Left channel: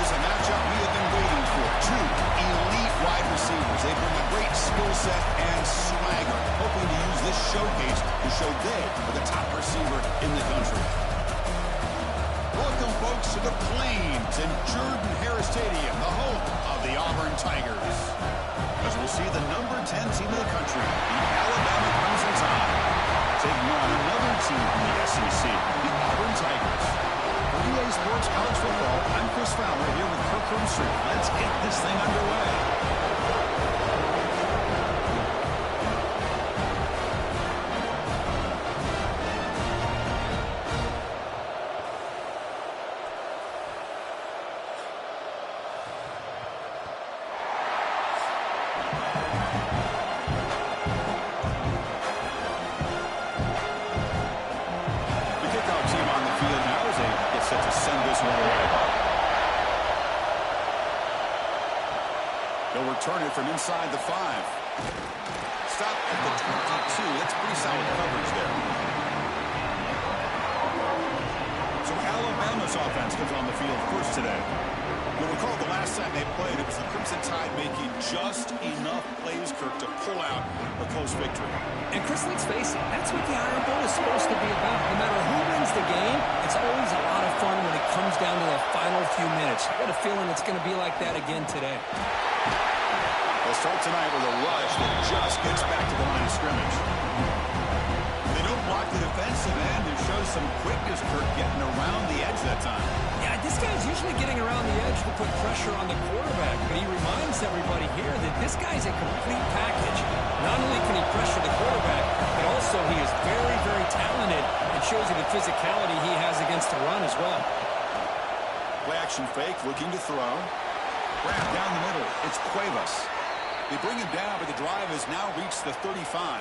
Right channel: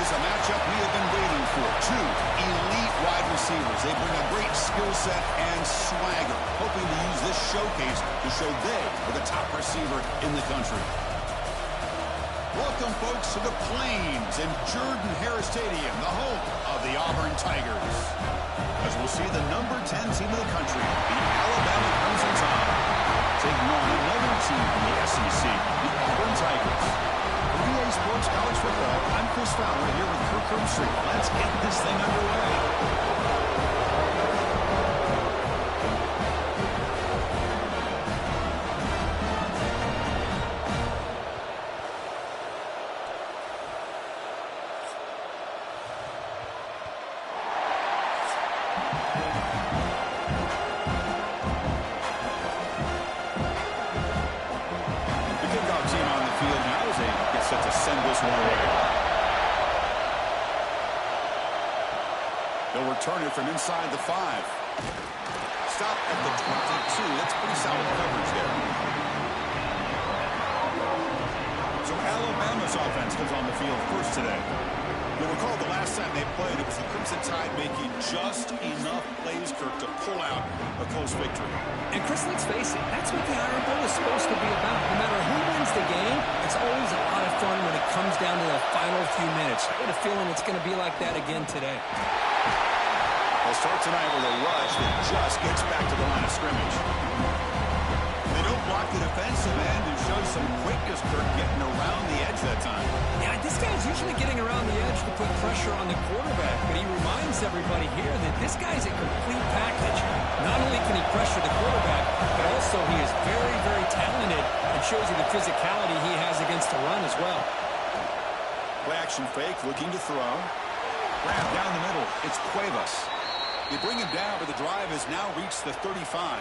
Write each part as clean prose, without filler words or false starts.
is a matchup we have been waiting for. Two elite wide receivers. They bring a great skill set and swagger, hoping to use this showcase to show they are the top receiver in the country. Welcome, folks, to the Plains in Jordan-Hare Stadium, the home of the Auburn Tigers. As we'll see the number 10 team in the country, the Alabama Crimson Tide, taking on another team from the SEC, the Auburn Tigers. For EA Sports College Football, I'm Chris Fowler here with Kirk Herbstreit. Let's get this thing underway. Team on the field now as they get set to send this one away. They'll return it from inside the 5. Stop at the 22. That's pretty solid coverage there. So Alabama's offense comes on the field first today. You'll recall the last time they played, it was the Crimson Tide making just enough plays, Kirk, to pull out a close victory. And Chris, let's face it, that's what the Iron Bowl is supposed to be about. No matter who wins the game, it's always a lot of fun when it comes down to the final few minutes. I got a feeling it's going to be like that again today. They'll start tonight with a rush that just gets back to the line of scrimmage. They don't block the defensive end and shows some quickness, Kirk, getting around the edge that time. Yeah, this guy's usually getting around the edge to put pressure on the quarterback, but he reminds everybody here that this guy's a complete package. Not only can he pressure the quarterback, but also he is very, very talented and shows you the physicality he has against the run as well. Play action fake, looking to throw. Grab down the middle. It's Cuevas. They bring him down, but the drive has now reached the 35.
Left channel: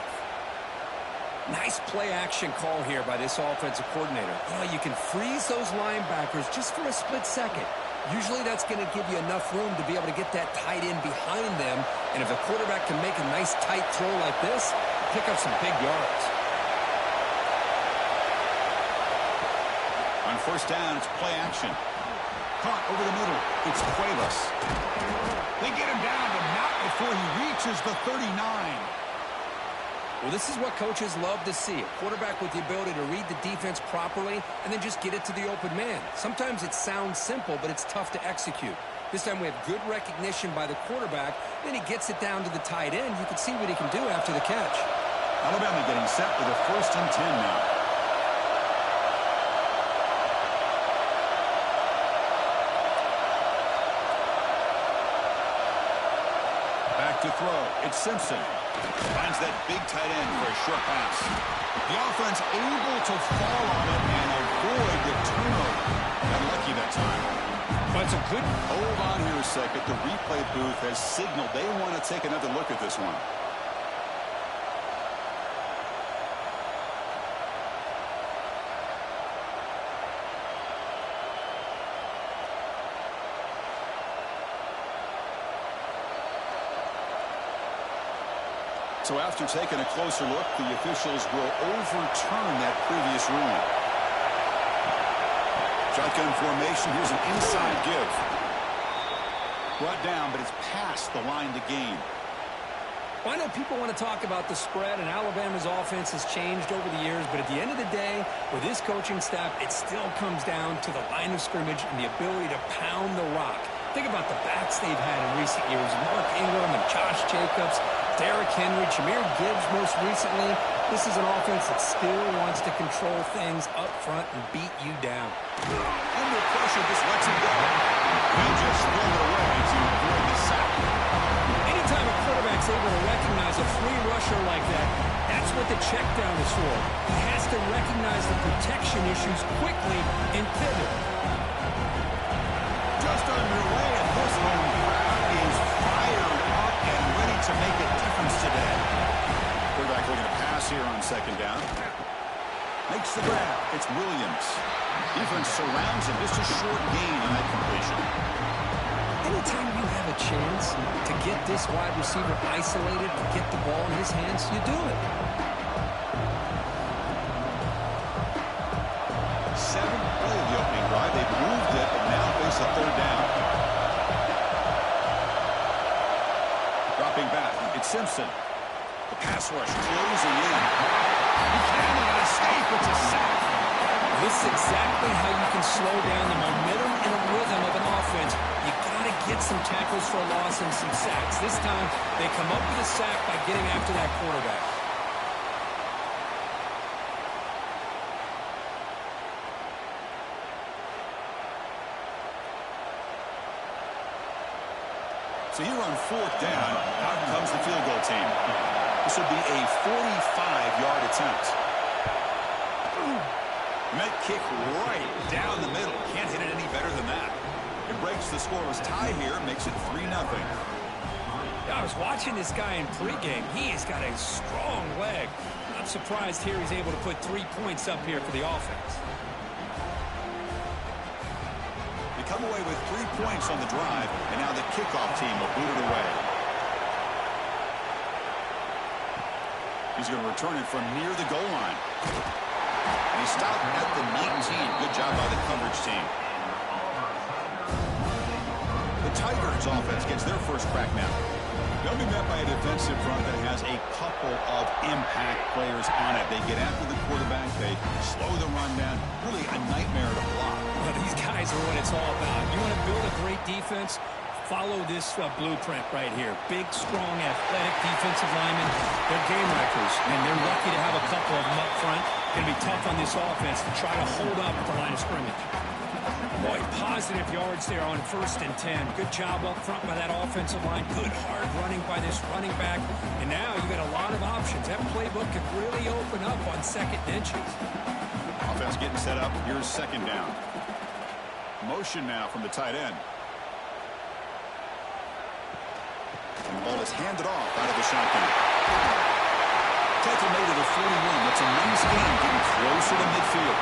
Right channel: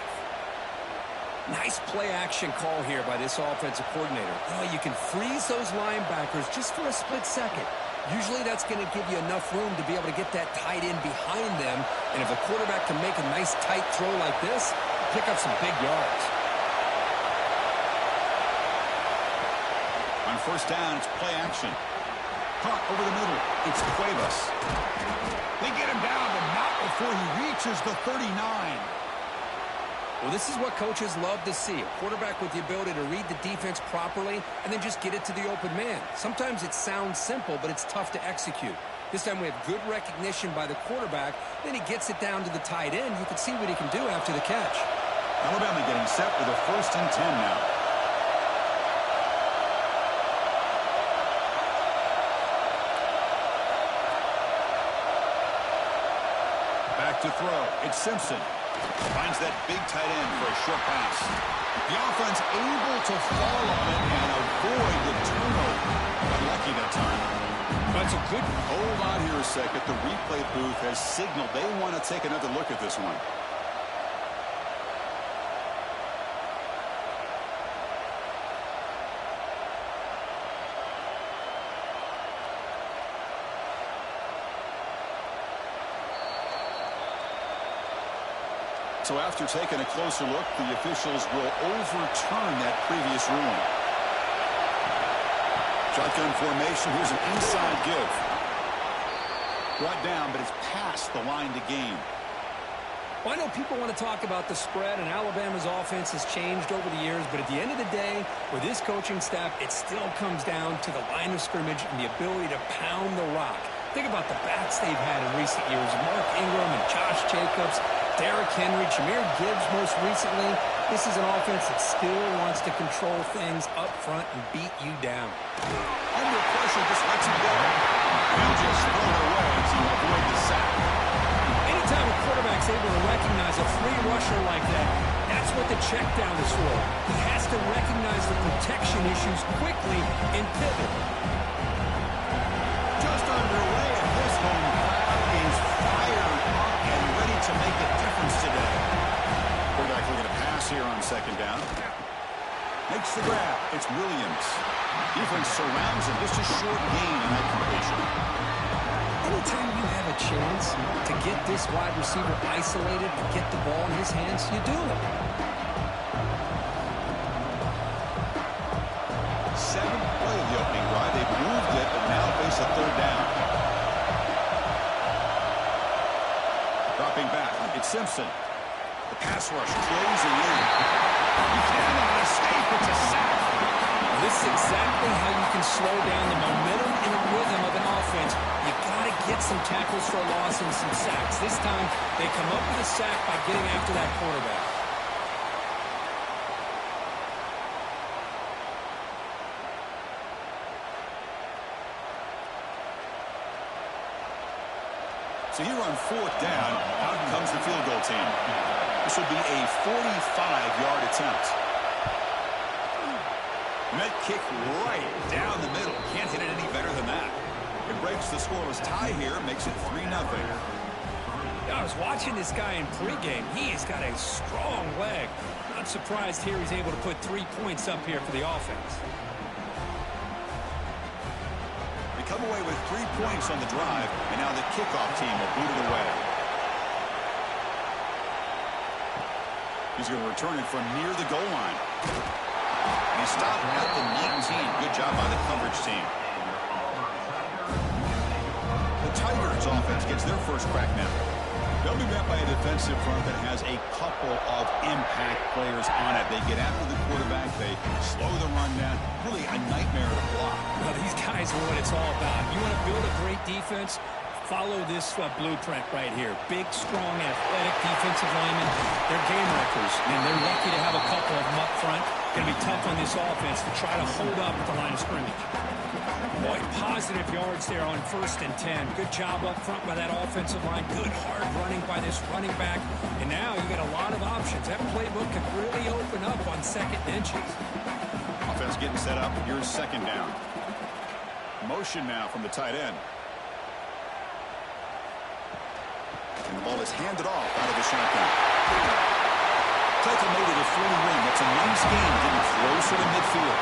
Nice play-action call here by this offensive coordinator. You know, you can freeze those linebackers just for a split second. Usually that's going to give you enough room to be able to get that tight end behind them. And if the quarterback can make a nice tight throw like this, pick up some big yards. On first down, it's play action. Caught over the middle. It's Cuevas. They get him down, but not before he reaches the 39. Well, this is what coaches love to see. A quarterback with the ability to read the defense properly and then just get it to the open man. Sometimes it sounds simple, but it's tough to execute. This time we have good recognition by the quarterback. Then he gets it down to the tight end. You can see what he can do after the catch. Alabama getting set with a 1st and 10 now. Back to throw. It's Simpson. Finds that big tight end for a short pass. The offense able to fall on it and avoid the turnover. Got lucky that time. That's a good... Hold on here a second. The replay booth has signaled they want to take another look at this one. So after taking a closer look, the officials will overturn that previous ruling. Shotgun formation. Here's an inside give. Brought down, but it's past the line to gain. Well, I know people want to talk about the spread, and Alabama's offense has changed over the years, but at the end of the day, with this coaching staff, it still comes down to the line of scrimmage and the ability to pound the rock. Think about the backs they've had in recent years. Mark Ingram and Josh Jacobs, Derrick Henry, Jahmyr Gibbs most recently. This is an offense that still wants to control things up front and beat you down. Under pressure, just lets him go. He'll just throw it away to avoid the sack. Anytime a quarterback's able to recognize a free rusher like that, that's what the check down is for. He has to recognize the protection issues quickly and pivot. Just underway, and this home crowd is fired up and ready to make a difference today. Quarterback looking to pass here on 2nd down. Makes the grab. It's Williams. Defense surrounds him. Just a short gain on that completion. Anytime you have a chance to get this wide receiver isolated and get the ball in his hands, you do it. 7th play of the opening drive. They've moved it, but now face a third down. Dropping back, it's Simpson. The pass rush closing in. He cannot escape. It's a sack. This is exactly how you can slow down the momentum and a rhythm of an offense. You got to get some tackles for a loss and some sacks. This time, they come up with a sack by getting after that quarterback. So here on fourth down, out comes the field goal team. This will be a 45-yard attempt. And that kick right down the middle. Can't hit it any better than that. It breaks the scoreless tie here, makes it 3-0. I was watching this guy in pregame. He has got a strong leg. Not surprised here he's able to put 3 points up here for the offense. They come away with 3 points on the drive, and now the kickoff team will boot it away. He's going to return it from near the goal line. And he stopped at the 19. Good job by the coverage team. The Tigers offense gets their first crack now. They'll be met by a defensive front that has a couple of impact players on it. They get after the quarterback. They slow the run down. Really a nightmare to block. Well, these guys are what it's all about. You want to build a great defense? Follow this blueprint right here. Big, strong, athletic defensive linemen. They're game wreckers, and they're lucky to have a couple of them up front. Going to be tough on this offense to try to hold up at the line of scrimmage. Boy, positive yards there on 1st and 10. Good job up front by that offensive line. Good hard running by this running back. And now you got a lot of options. That playbook could really open up on 2nd and inches. Offense getting set up. Here's 2nd down. Motion now from the tight end. And the ball is handed off out of the shotgun. Tackle made it at 41. That's a nice gain, getting closer to midfield.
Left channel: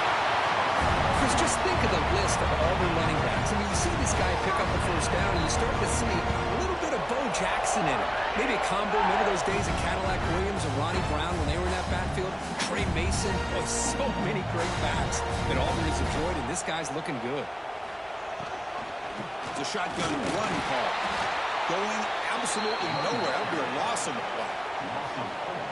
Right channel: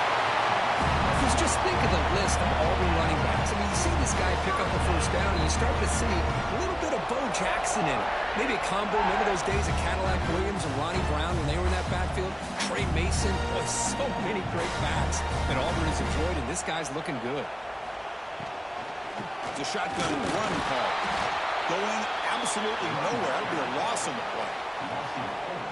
Because just think of the list of Auburn running backs. I mean, you see this guy pick up a 1st down, and you start to see a little bit of Bo Jackson in it. Maybe a combo. Remember those days of Cadillac Williams and Ronnie Brown when they were in that backfield? Trey Mason. Boy, so many great backs that Auburn has enjoyed, and this guy's looking good. It's a shotgun run call. Going absolutely nowhere. That would be a loss on the play.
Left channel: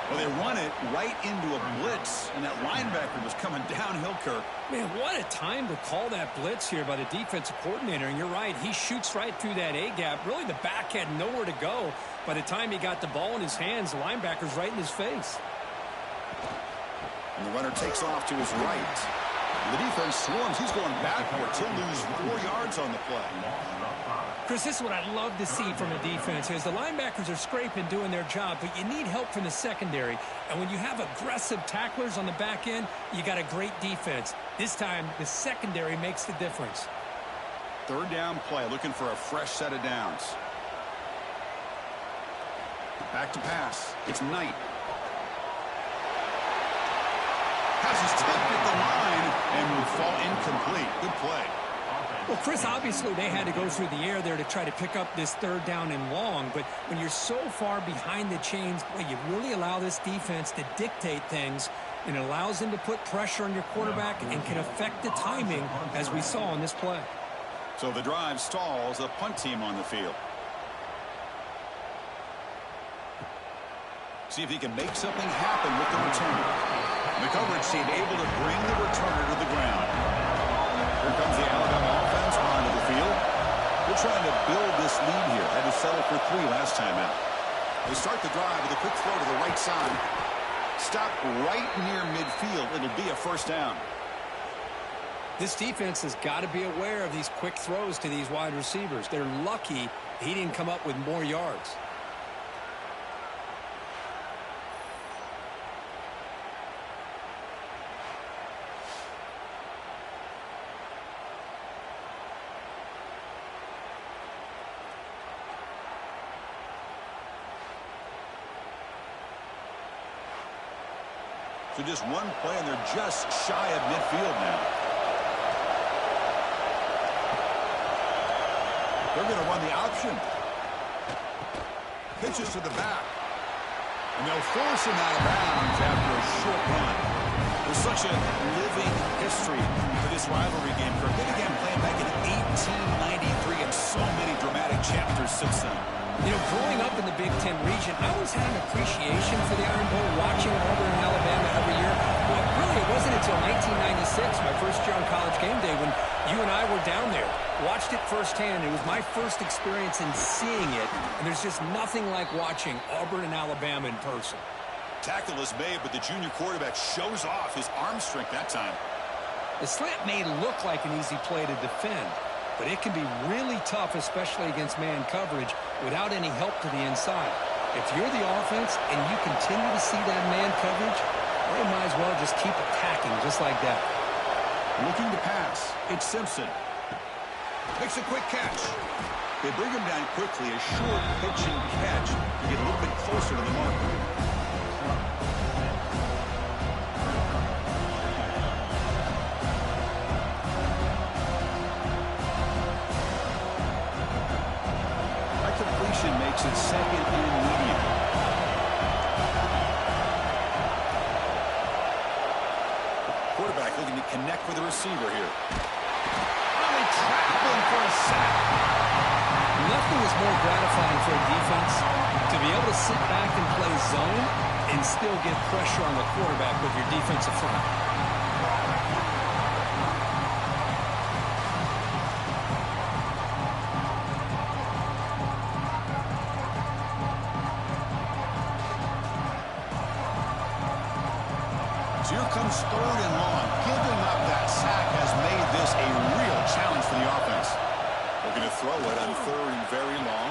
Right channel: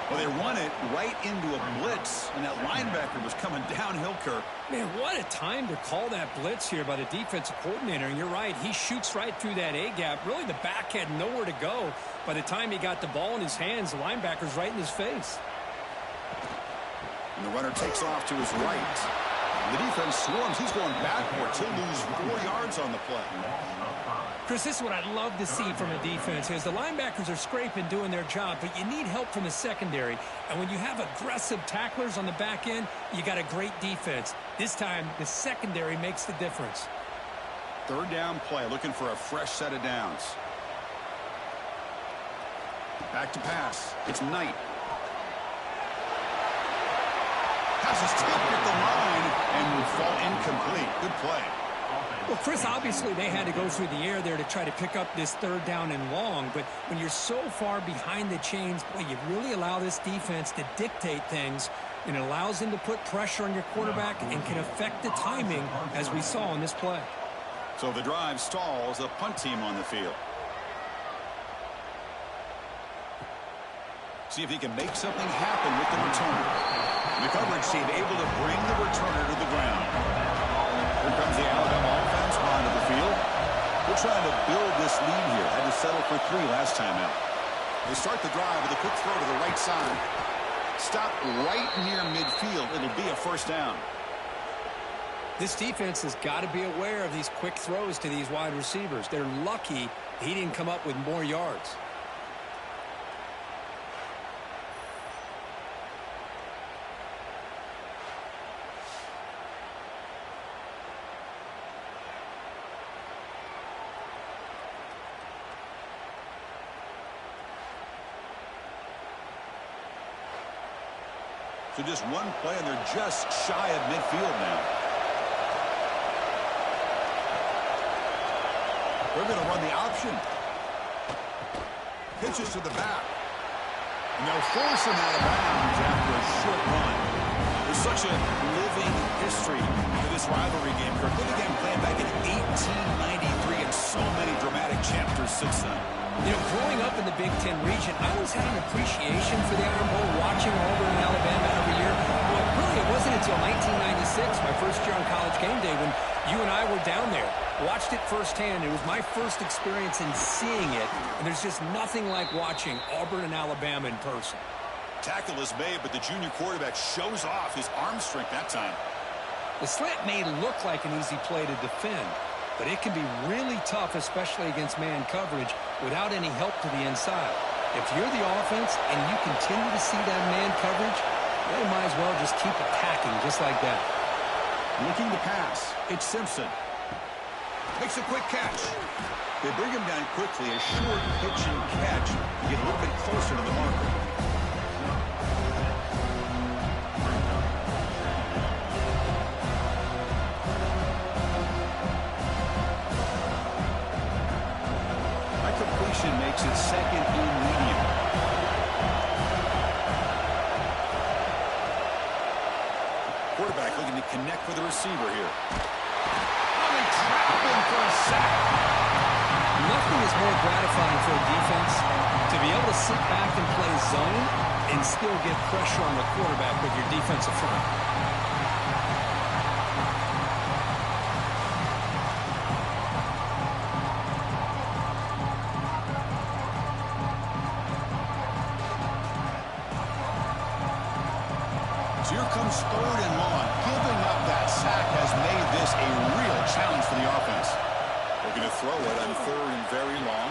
Well, they run it right into a blitz, and that linebacker was coming downhill, Kirk. Man, what a time to call that blitz here by the defensive coordinator. And you're right, he shoots right through that A-gap. Really, the back had nowhere to go. By the time he got the ball in his hands, the linebacker's right in his face. And the runner takes off to his right. The defense swarms. He's going backwards. He'll lose 4 yards on the play. Chris, this is what I'd love to see from a defense is the linebackers are scraping, doing their job, but you need help from the secondary. And when you have aggressive tacklers on the back end, you got a great defense. This time, the secondary makes the difference. 3rd down play, looking for a fresh set of downs. Back to pass. It's Knight. Pass is tipped at the line and will fall incomplete. Good play. Well, Chris, obviously they had to go through the air there to try to pick up this 3rd down and long, but when you're so far behind the chains, boy, you really allow this defense to dictate things, and it allows them to put pressure on your quarterback and can affect the timing, as we saw on this play. So the drive stalls, a punt team on the field. See if he can make something happen with the return. The coverage team able to bring the returner to the ground. Here comes the Alabama offense onto the field. They're trying to build this lead here. Had to settle for 3 last time out. They start the drive with a quick throw to the right side. Stop right near midfield. It'll be a 1st down. This defense has got to be aware of these quick throws to these wide receivers. They're lucky he didn't come up with more yards. So just one play, and they're just shy of midfield now. They're going to run the option. Pitches to the back. And they'll force him out of bounds after a short run. There's such a living history to this rivalry game, Kirk. They began playing back in 1893 and so many dramatic chapters since then. You know, growing up in the Big Ten region, I always had an appreciation for the Iron Bowl, watching Auburn and Alabama every year. But really, it wasn't until 1996, my first year on College Game Day, when you and I were down there. Watched it firsthand. It was my first experience in seeing it, and there's just nothing like watching Auburn and Alabama in person. Tackle is made, but the junior quarterback shows off his arm strength that time. The slant may look like an easy play to defend, but it can be really tough, especially against man coverage, without any help to the inside. If you're the offense and you continue to see that man coverage, they might as well just keep attacking just like that. Looking to pass. It's Simpson. Makes a quick catch. They bring him down quickly. A short pitch and catch to get a little bit closer to the marker. That completion makes it second and medium. Quarterback looking to connect with the receiver here. They trap him for a sack. Nothing is more gratifying for a defense to be able to sit back and play zone and still get pressure on the quarterback with your defensive front. So here comes third and long. Giving up that sack has made this a real challenge for the offense. Looking to throw it on third and very long.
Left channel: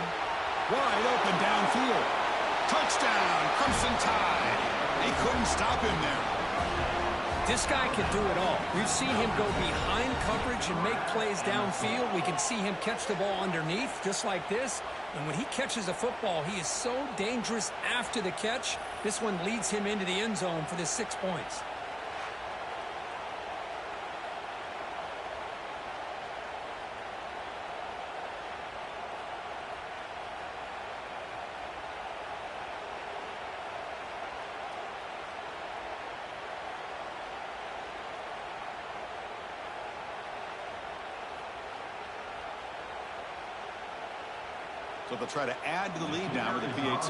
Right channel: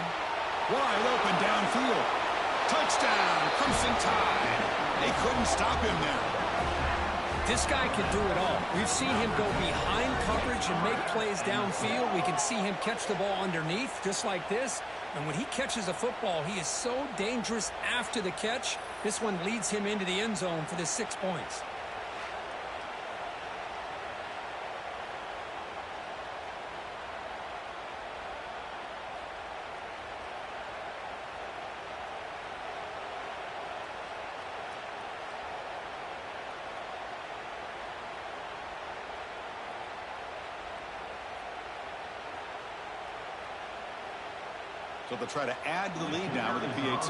Wide open downfield. Touchdown, Crimson Tide. They couldn't stop him there. This guy can do it all. We've seen him go behind coverage and make plays downfield. We can see him catch the ball underneath, just like this. And when he catches a football, he is so dangerous after the catch. This one leads him into the end zone for the 6 points. So they'll try to add to the lead now with the PAT.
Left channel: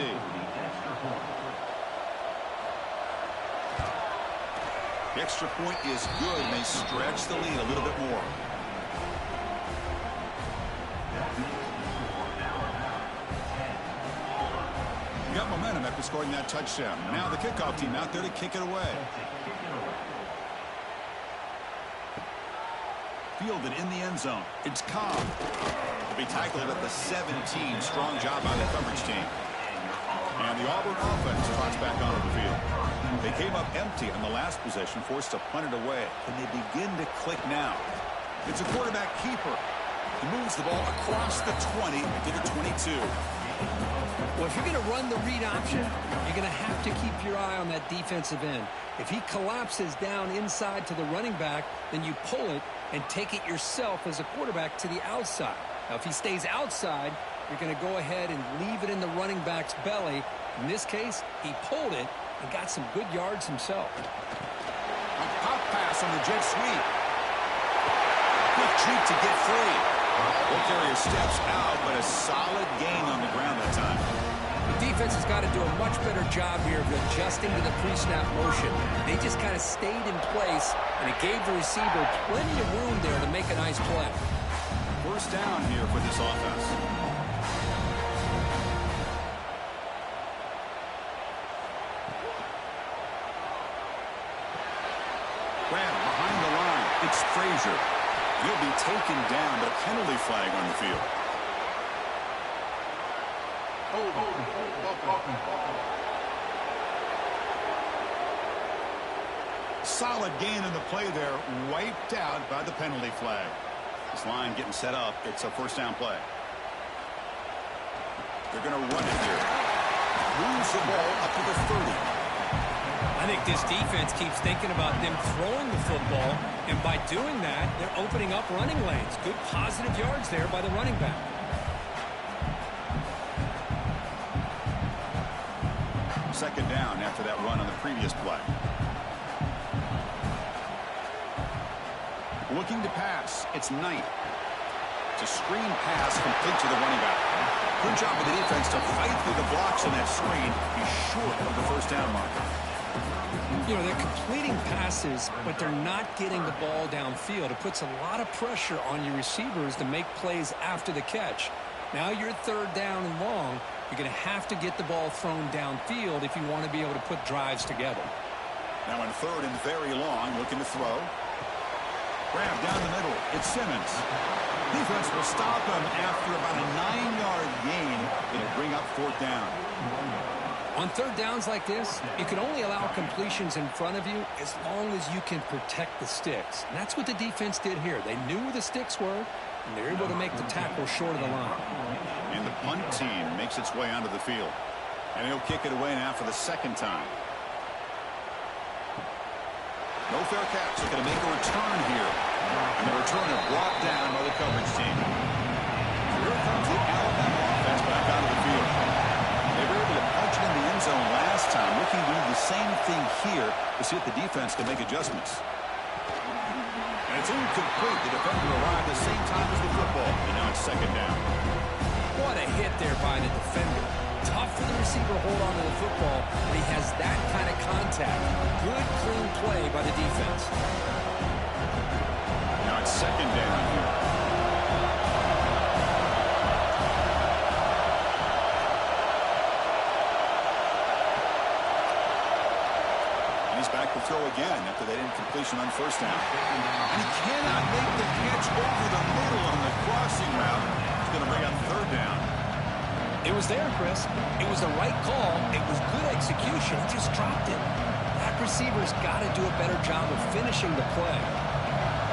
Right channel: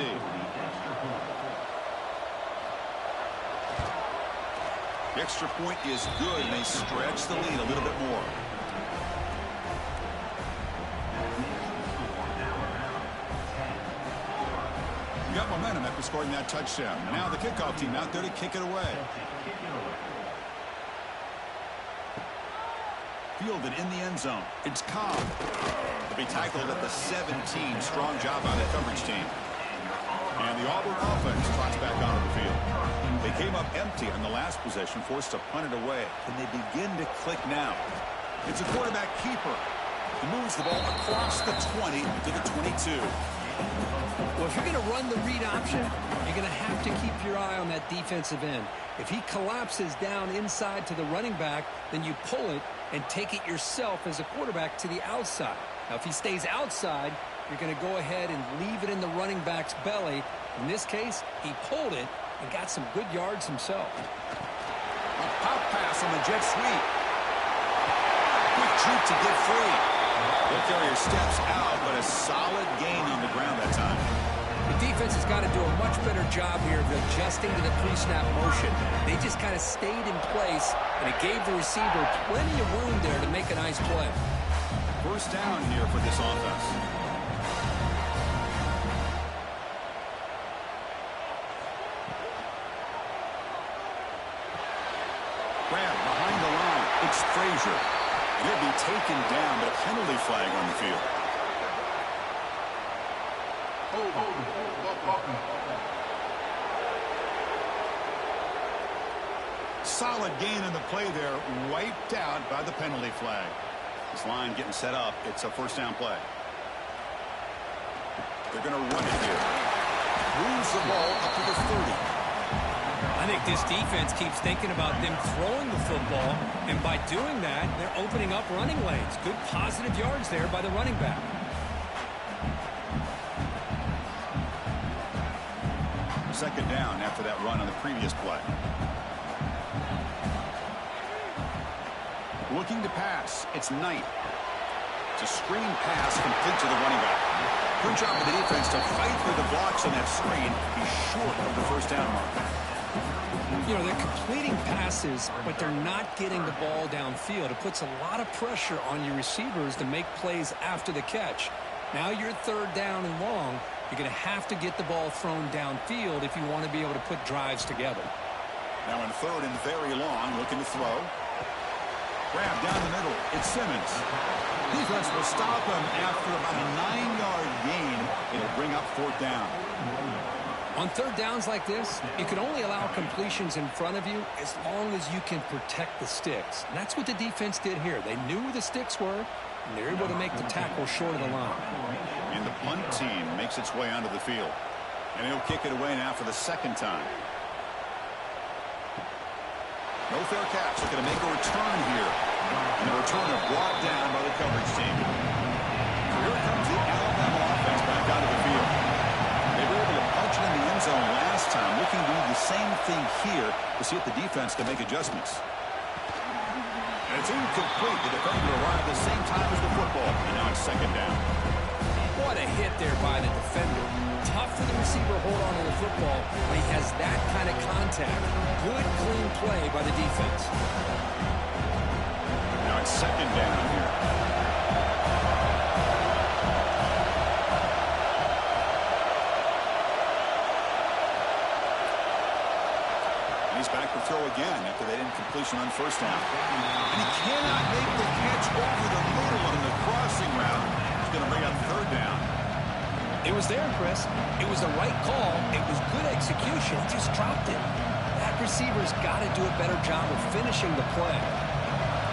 The extra point is good, and they stretch the lead a little bit more. You got momentum after scoring that touchdown. Now the kickoff team out there to kick it away. Fielded in the end zone. It's Cobb. To be tackled at the 17. Strong job by the coverage team. And the Auburn offense trots back onto the field. They came up empty on the last possession, forced to punt it away. And they begin to click now. It's a quarterback keeper. He moves the ball across the 20 to the 22. Well, if you're going to run the read option, you're going to have to keep your eye on that defensive end. If he collapses down inside to the running back, then you pull it and take it yourself as a quarterback to the outside. Now, if he stays outside, you're going to go ahead and leave it in the running back's belly. In this case, he pulled it and got some good yards himself. A pop pass on the jet sweep. Quick juke to get free. The carrier steps out, but a solid gain on the ground that time. The defense has got to do a much better job here of adjusting to the pre-snap motion. They just kind of stayed in place, and it gave the receiver plenty of room there to make a nice play. First down here for this offense. Grab behind the line. It's Frazier. He'll be taken down, but a penalty flag on the field. Solid gain in the play there, wiped out by the penalty flag. This line getting set up. It's a first down play. They're going to run it here. Moves the ball up to the 30. I think this defense keeps thinking about them throwing the football, and by doing that, they're opening up running lanes. Good positive yards there by the running back. Second down after that run on the previous play. Looking to pass. It's Knight. It's a screen pass complete to the running back. Good job of the defense to fight through the blocks on that screen. He's short of the first down marker. You know, they're completing passes, but they're not getting the ball downfield. It puts a lot of pressure on your receivers to make plays after the catch. Now you're third down and long. You're going to have to get the ball thrown downfield if you want to be able to put drives together. Now in third and very long, looking to throw. Grab down the middle. It's Simmons. Defense will stop him after about a 9-yard gain. It'll bring up fourth down. On third downs like this, you can only allow completions in front of you as long as you can protect the sticks. And that's what the defense did here. They knew where the sticks were, and they're able to make the tackle short of the line. And the punt team makes its way onto the field. And he'll kick it away now for the second time. No fair catch. Looking to make a return here. And the returner brought down by the coverage team. So here comes the Alabama offense back out of the field. They were able to punch it in the end zone last time. Looking to do the same thing here to see if the defense can make adjustments. And it's incomplete. The defender arrived the same time as the football. And now it's second down. What a hit there by the defender. Tough for the receiver to hold on to the football when he has that kind of contact. Good, clean play by the defense. Now it's second down here. And he's back to throw again after that incompletion on first down. And he cannot make the catch over the middle on the crossing route. He's going to bring up third down. It was there, Chris. It was the right call. It was good execution. He just dropped it. That receiver's got to do a better job of finishing the play.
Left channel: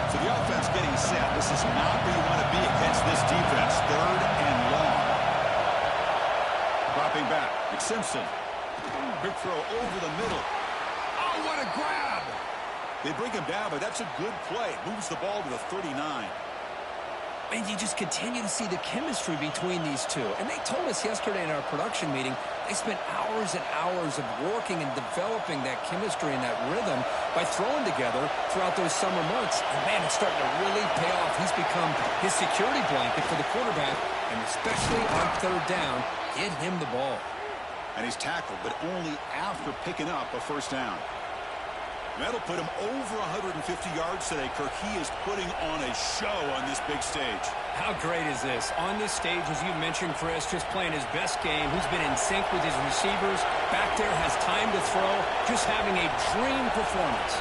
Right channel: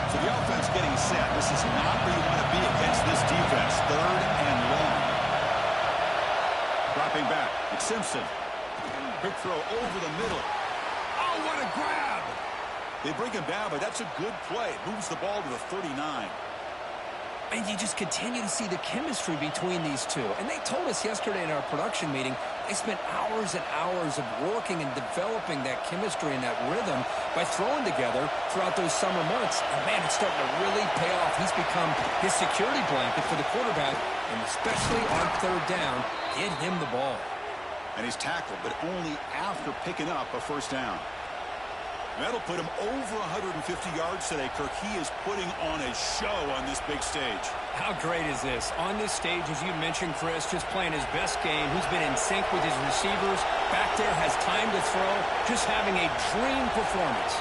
So the offense getting set. This is not where you want to be against this defense. Third and long. Dropping back. It's Simpson. Quick throw over the middle. Oh, what a grab! They bring him down, but that's a good play. Moves the ball to the 39. And you just continue to see the chemistry between these two. And they told us yesterday in our production meeting, they spent hours and hours of working and developing that chemistry and that rhythm by throwing together throughout those summer months. And, man, it's starting to really pay off. He's become his security blanket for the quarterback, and especially on third down, get him the ball. And he's tackled, but only after picking up a first down. That'll put him over 150 yards today, Kirk. He is putting on a show on this big stage. How great is this? On this stage, as you mentioned, Chris, just playing his best game. He's been in sync with his receivers. Back there, has time to throw. Just having a dream performance.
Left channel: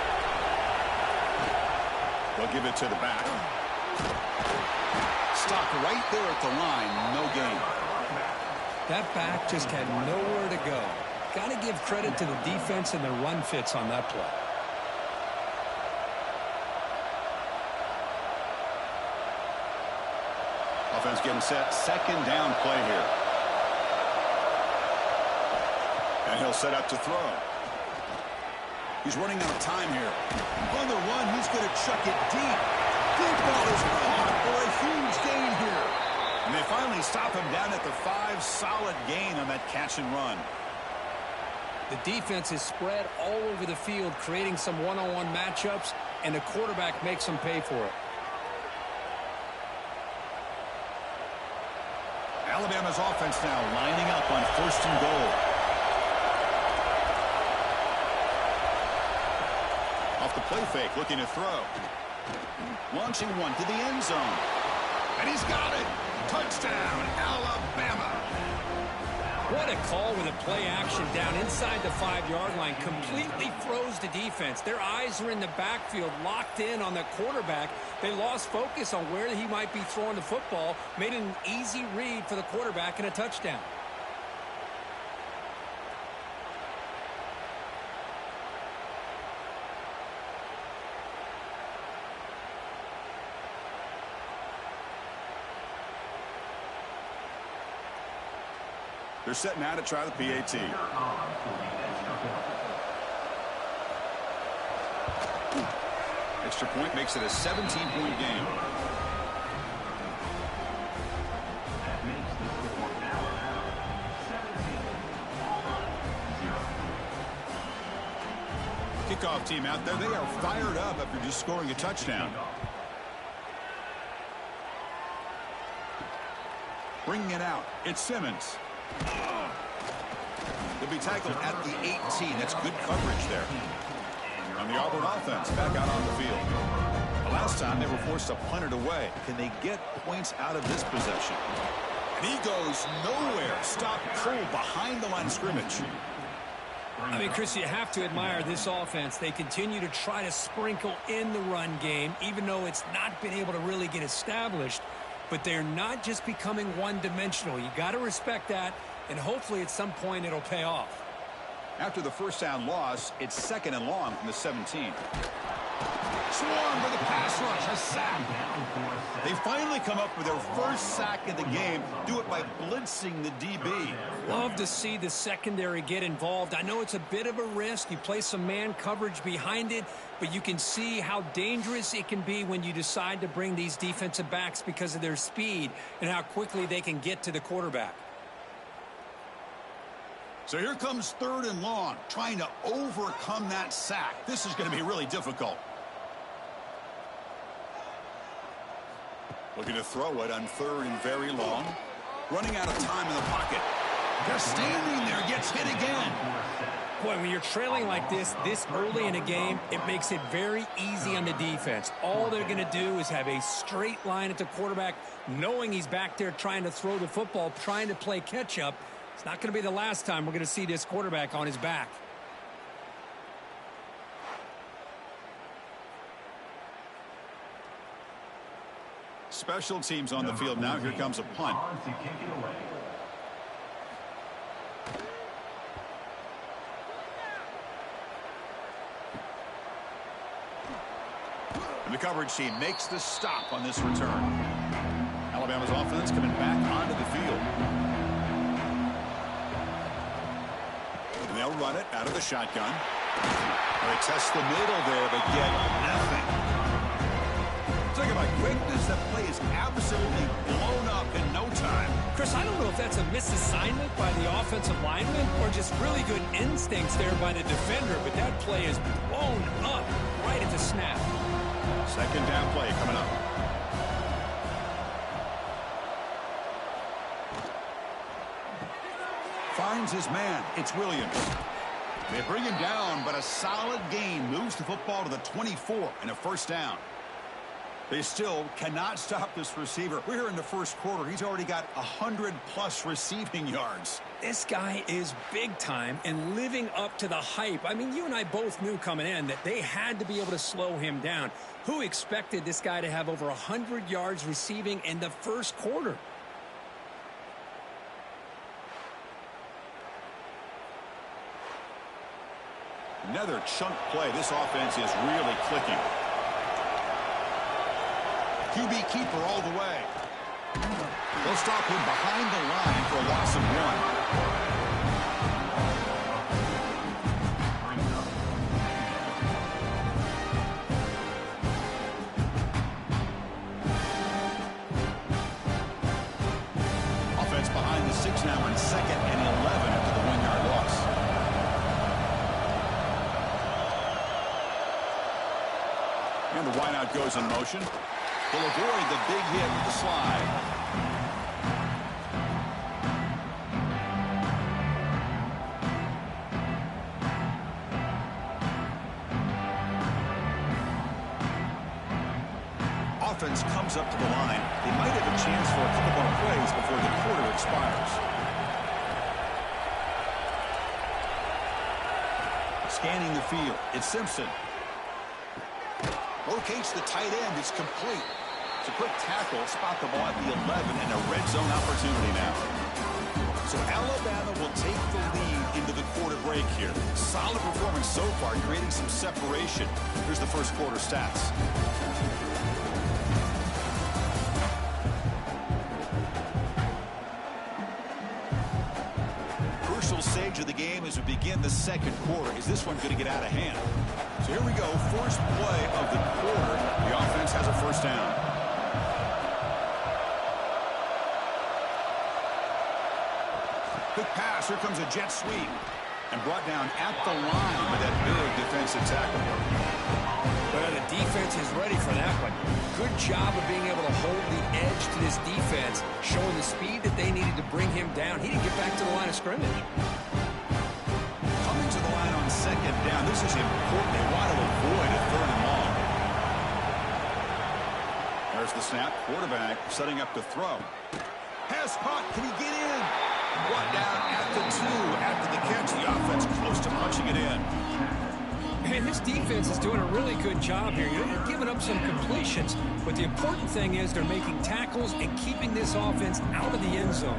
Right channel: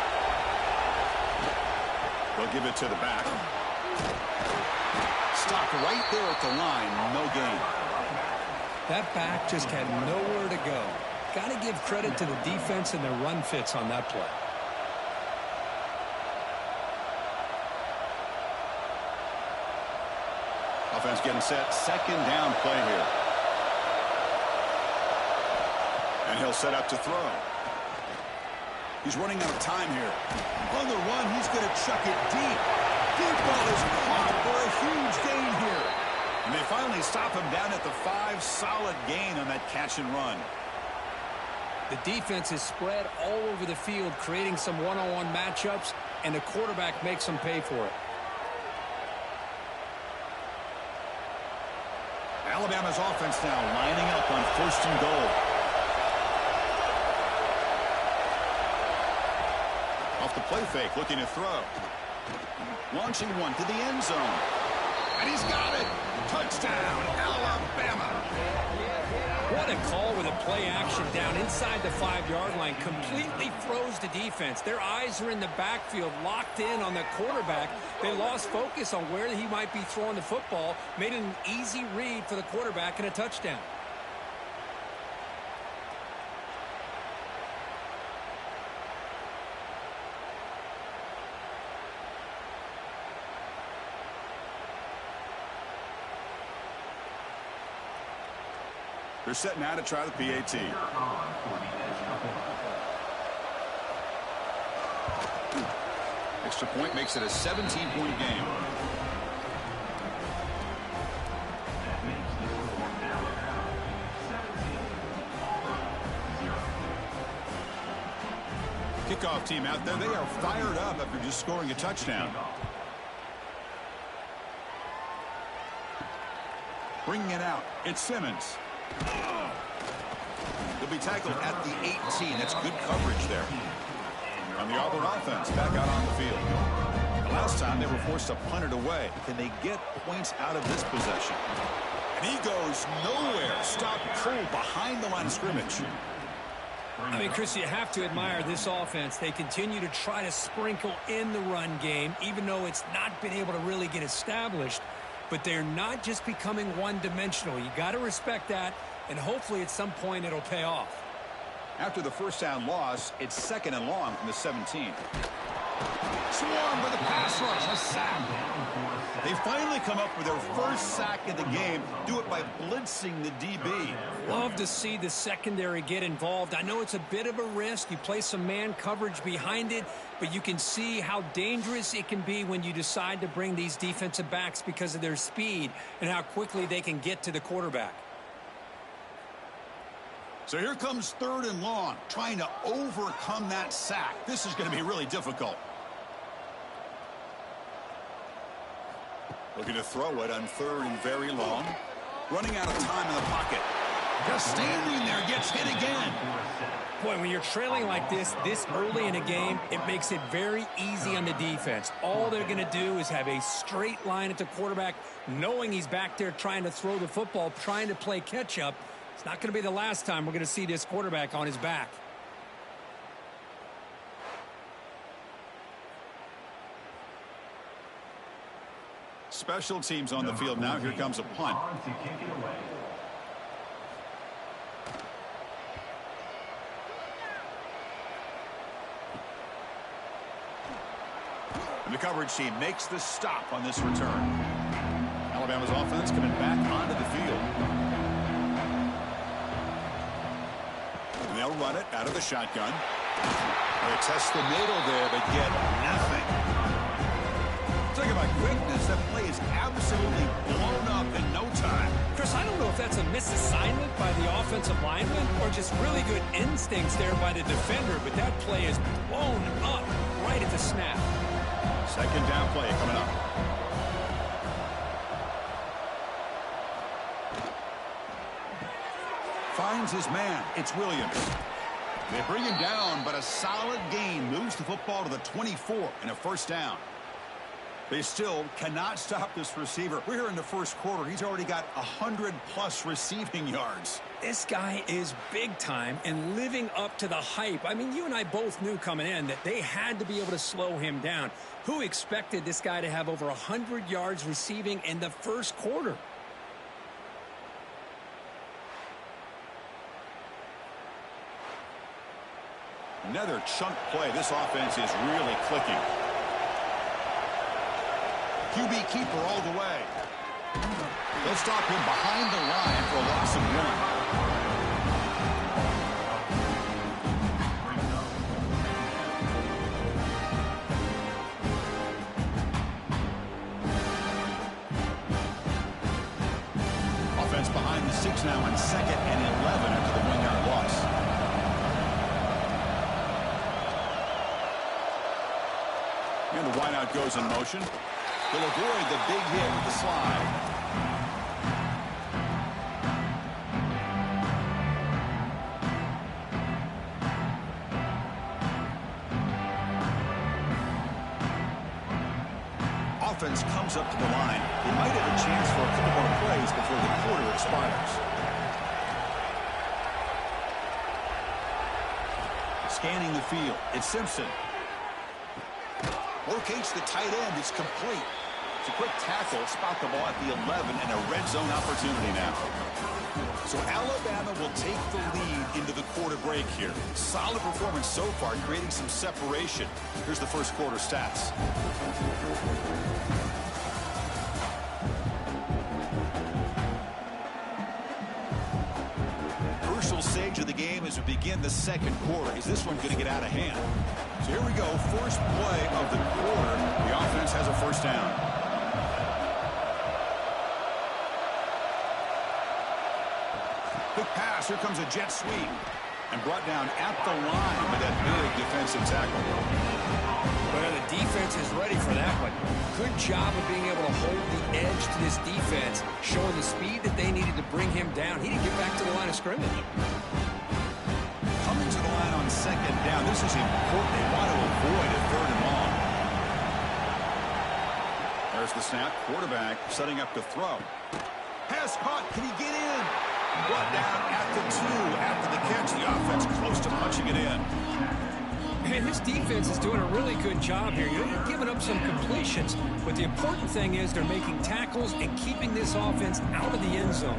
They'll give it to the back. Stopped right there at the line. No gain. That back just had nowhere to go. Got to give credit to the defense and their run fits on that play. Offense getting set. Second down play here. And he'll set up to throw. He's running out of time here. On the run, he's going to chuck it deep. Deep ball is caught for a huge gain here. And they finally stop him down at the 5. Solid gain on that catch and run. The defense is spread all over the field, creating some one-on-one matchups, and the quarterback makes them pay for it. Alabama's offense now lining up on first and goal. Off the play fake, looking to throw. Launching one to the end zone. And he's got it. Touchdown, Alabama. What a call with a play action down inside the 5-yard line. Completely froze the defense. Their eyes are in the backfield, locked in on the quarterback. They lost focus on where he might be throwing the football. Made an easy read for the quarterback and a touchdown. They're set now to try the PAT. Extra point makes it a 17-point game. Kickoff team out there. They are fired up after just scoring a touchdown. Bringing it out, it's Simmons. He'll be tackled at the 18. That's good coverage there. On the Auburn offense, back out on the field. The last time they were forced to punt it away. Can they get points out of this possession? And he goes nowhere. Stop cold behind the line of scrimmage. I mean, Chris, you have to admire this offense. They continue to try to sprinkle in the run game, even though it's not been able to really get established. But they're not just becoming one-dimensional. You got to respect that, and hopefully at some point it'll pay off. After the first down loss, it's 2nd and long from the 17. Swarm with a pass rush, a sack. They finally come up with their first sack of the game. Do it by blitzing the DB. Love to see the secondary get involved. I know it's a bit of a risk. You play some man coverage behind it, but you can see how dangerous it can be when you decide to bring these defensive backs because of their speed and how quickly they can get to the quarterback. So here comes 3rd and long, trying to overcome that sack. This is going to be really difficult. Looking to throw it on 3rd and very long. Running out of time in the pocket. Just standing there, gets hit again. Boy, when you're trailing like this early in a game, it makes it very easy on the defense. All they're going to do is have a straight line at the quarterback, knowing he's back there trying to throw the football, trying to play catch-up. It's not going to be the last time we're going to see this quarterback on his back. Special teams on the field now. Here comes a punt. And the coverage team makes the stop on this return. Alabama's offense coming back onto the field. And they'll run it out of the shotgun. They test the middle there, but get nothing. Talk about quickness. That play is absolutely blown up in no time. Chris, I don't know if that's a misassignment by the offensive lineman or just really good instincts there by the defender, but that play is blown up right at the snap. 2nd down play coming up. Finds his man. It's Williams. They bring him down, but a solid gain moves the football to the 24 and a 1st down. They still cannot stop this receiver. We're here in the 1st quarter. He's already got 100+ receiving yards. This guy is big time and living up to the hype. I mean, you and I both knew coming in that they had to be able to slow him down. Who expected this guy to have over 100 yards receiving in the 1st quarter? Another chunk play. This offense is really clicking. QB keeper all the way. They'll stop him behind the line for a loss of 1. Offense behind the 6 now on 2nd and 11 after the 1-yard loss. And the wideout goes in motion. He'll avoid the big hit with the slide. Offense comes up to the line. They might have a chance for a couple more plays before the quarter expires. Scanning the field. It's Simpson. Locates the tight end. It's complete. It's a quick tackle. Spot the ball at the 11 and a red zone opportunity now. So Alabama will take the lead into the quarter break here. Solid performance so far, creating some separation. Here's the 1st quarter stats. Crucial stage of the game as we begin the 2nd quarter. Is this one going to get out of hand? So here we go. First play of the quarter. The offense has a 1st down. Quick pass. Here comes a jet sweep. And brought down at the line with that big defensive tackle. Well, the defense is ready for that one. Good job of being able to hold the edge to this defense, showing the speed that they needed to bring him down. He didn't get back to the line of scrimmage. Coming to the line on second down, this is important. They want to avoid a third and long. There's the snap. Quarterback setting up to throw. Pass caught. Can he get in? Brought down at the 2 after the catch. The offense close to punching it in. And this defense is doing a really good job here. They're giving up some completions, but the important thing is they're making tackles and keeping this offense out of the end zone.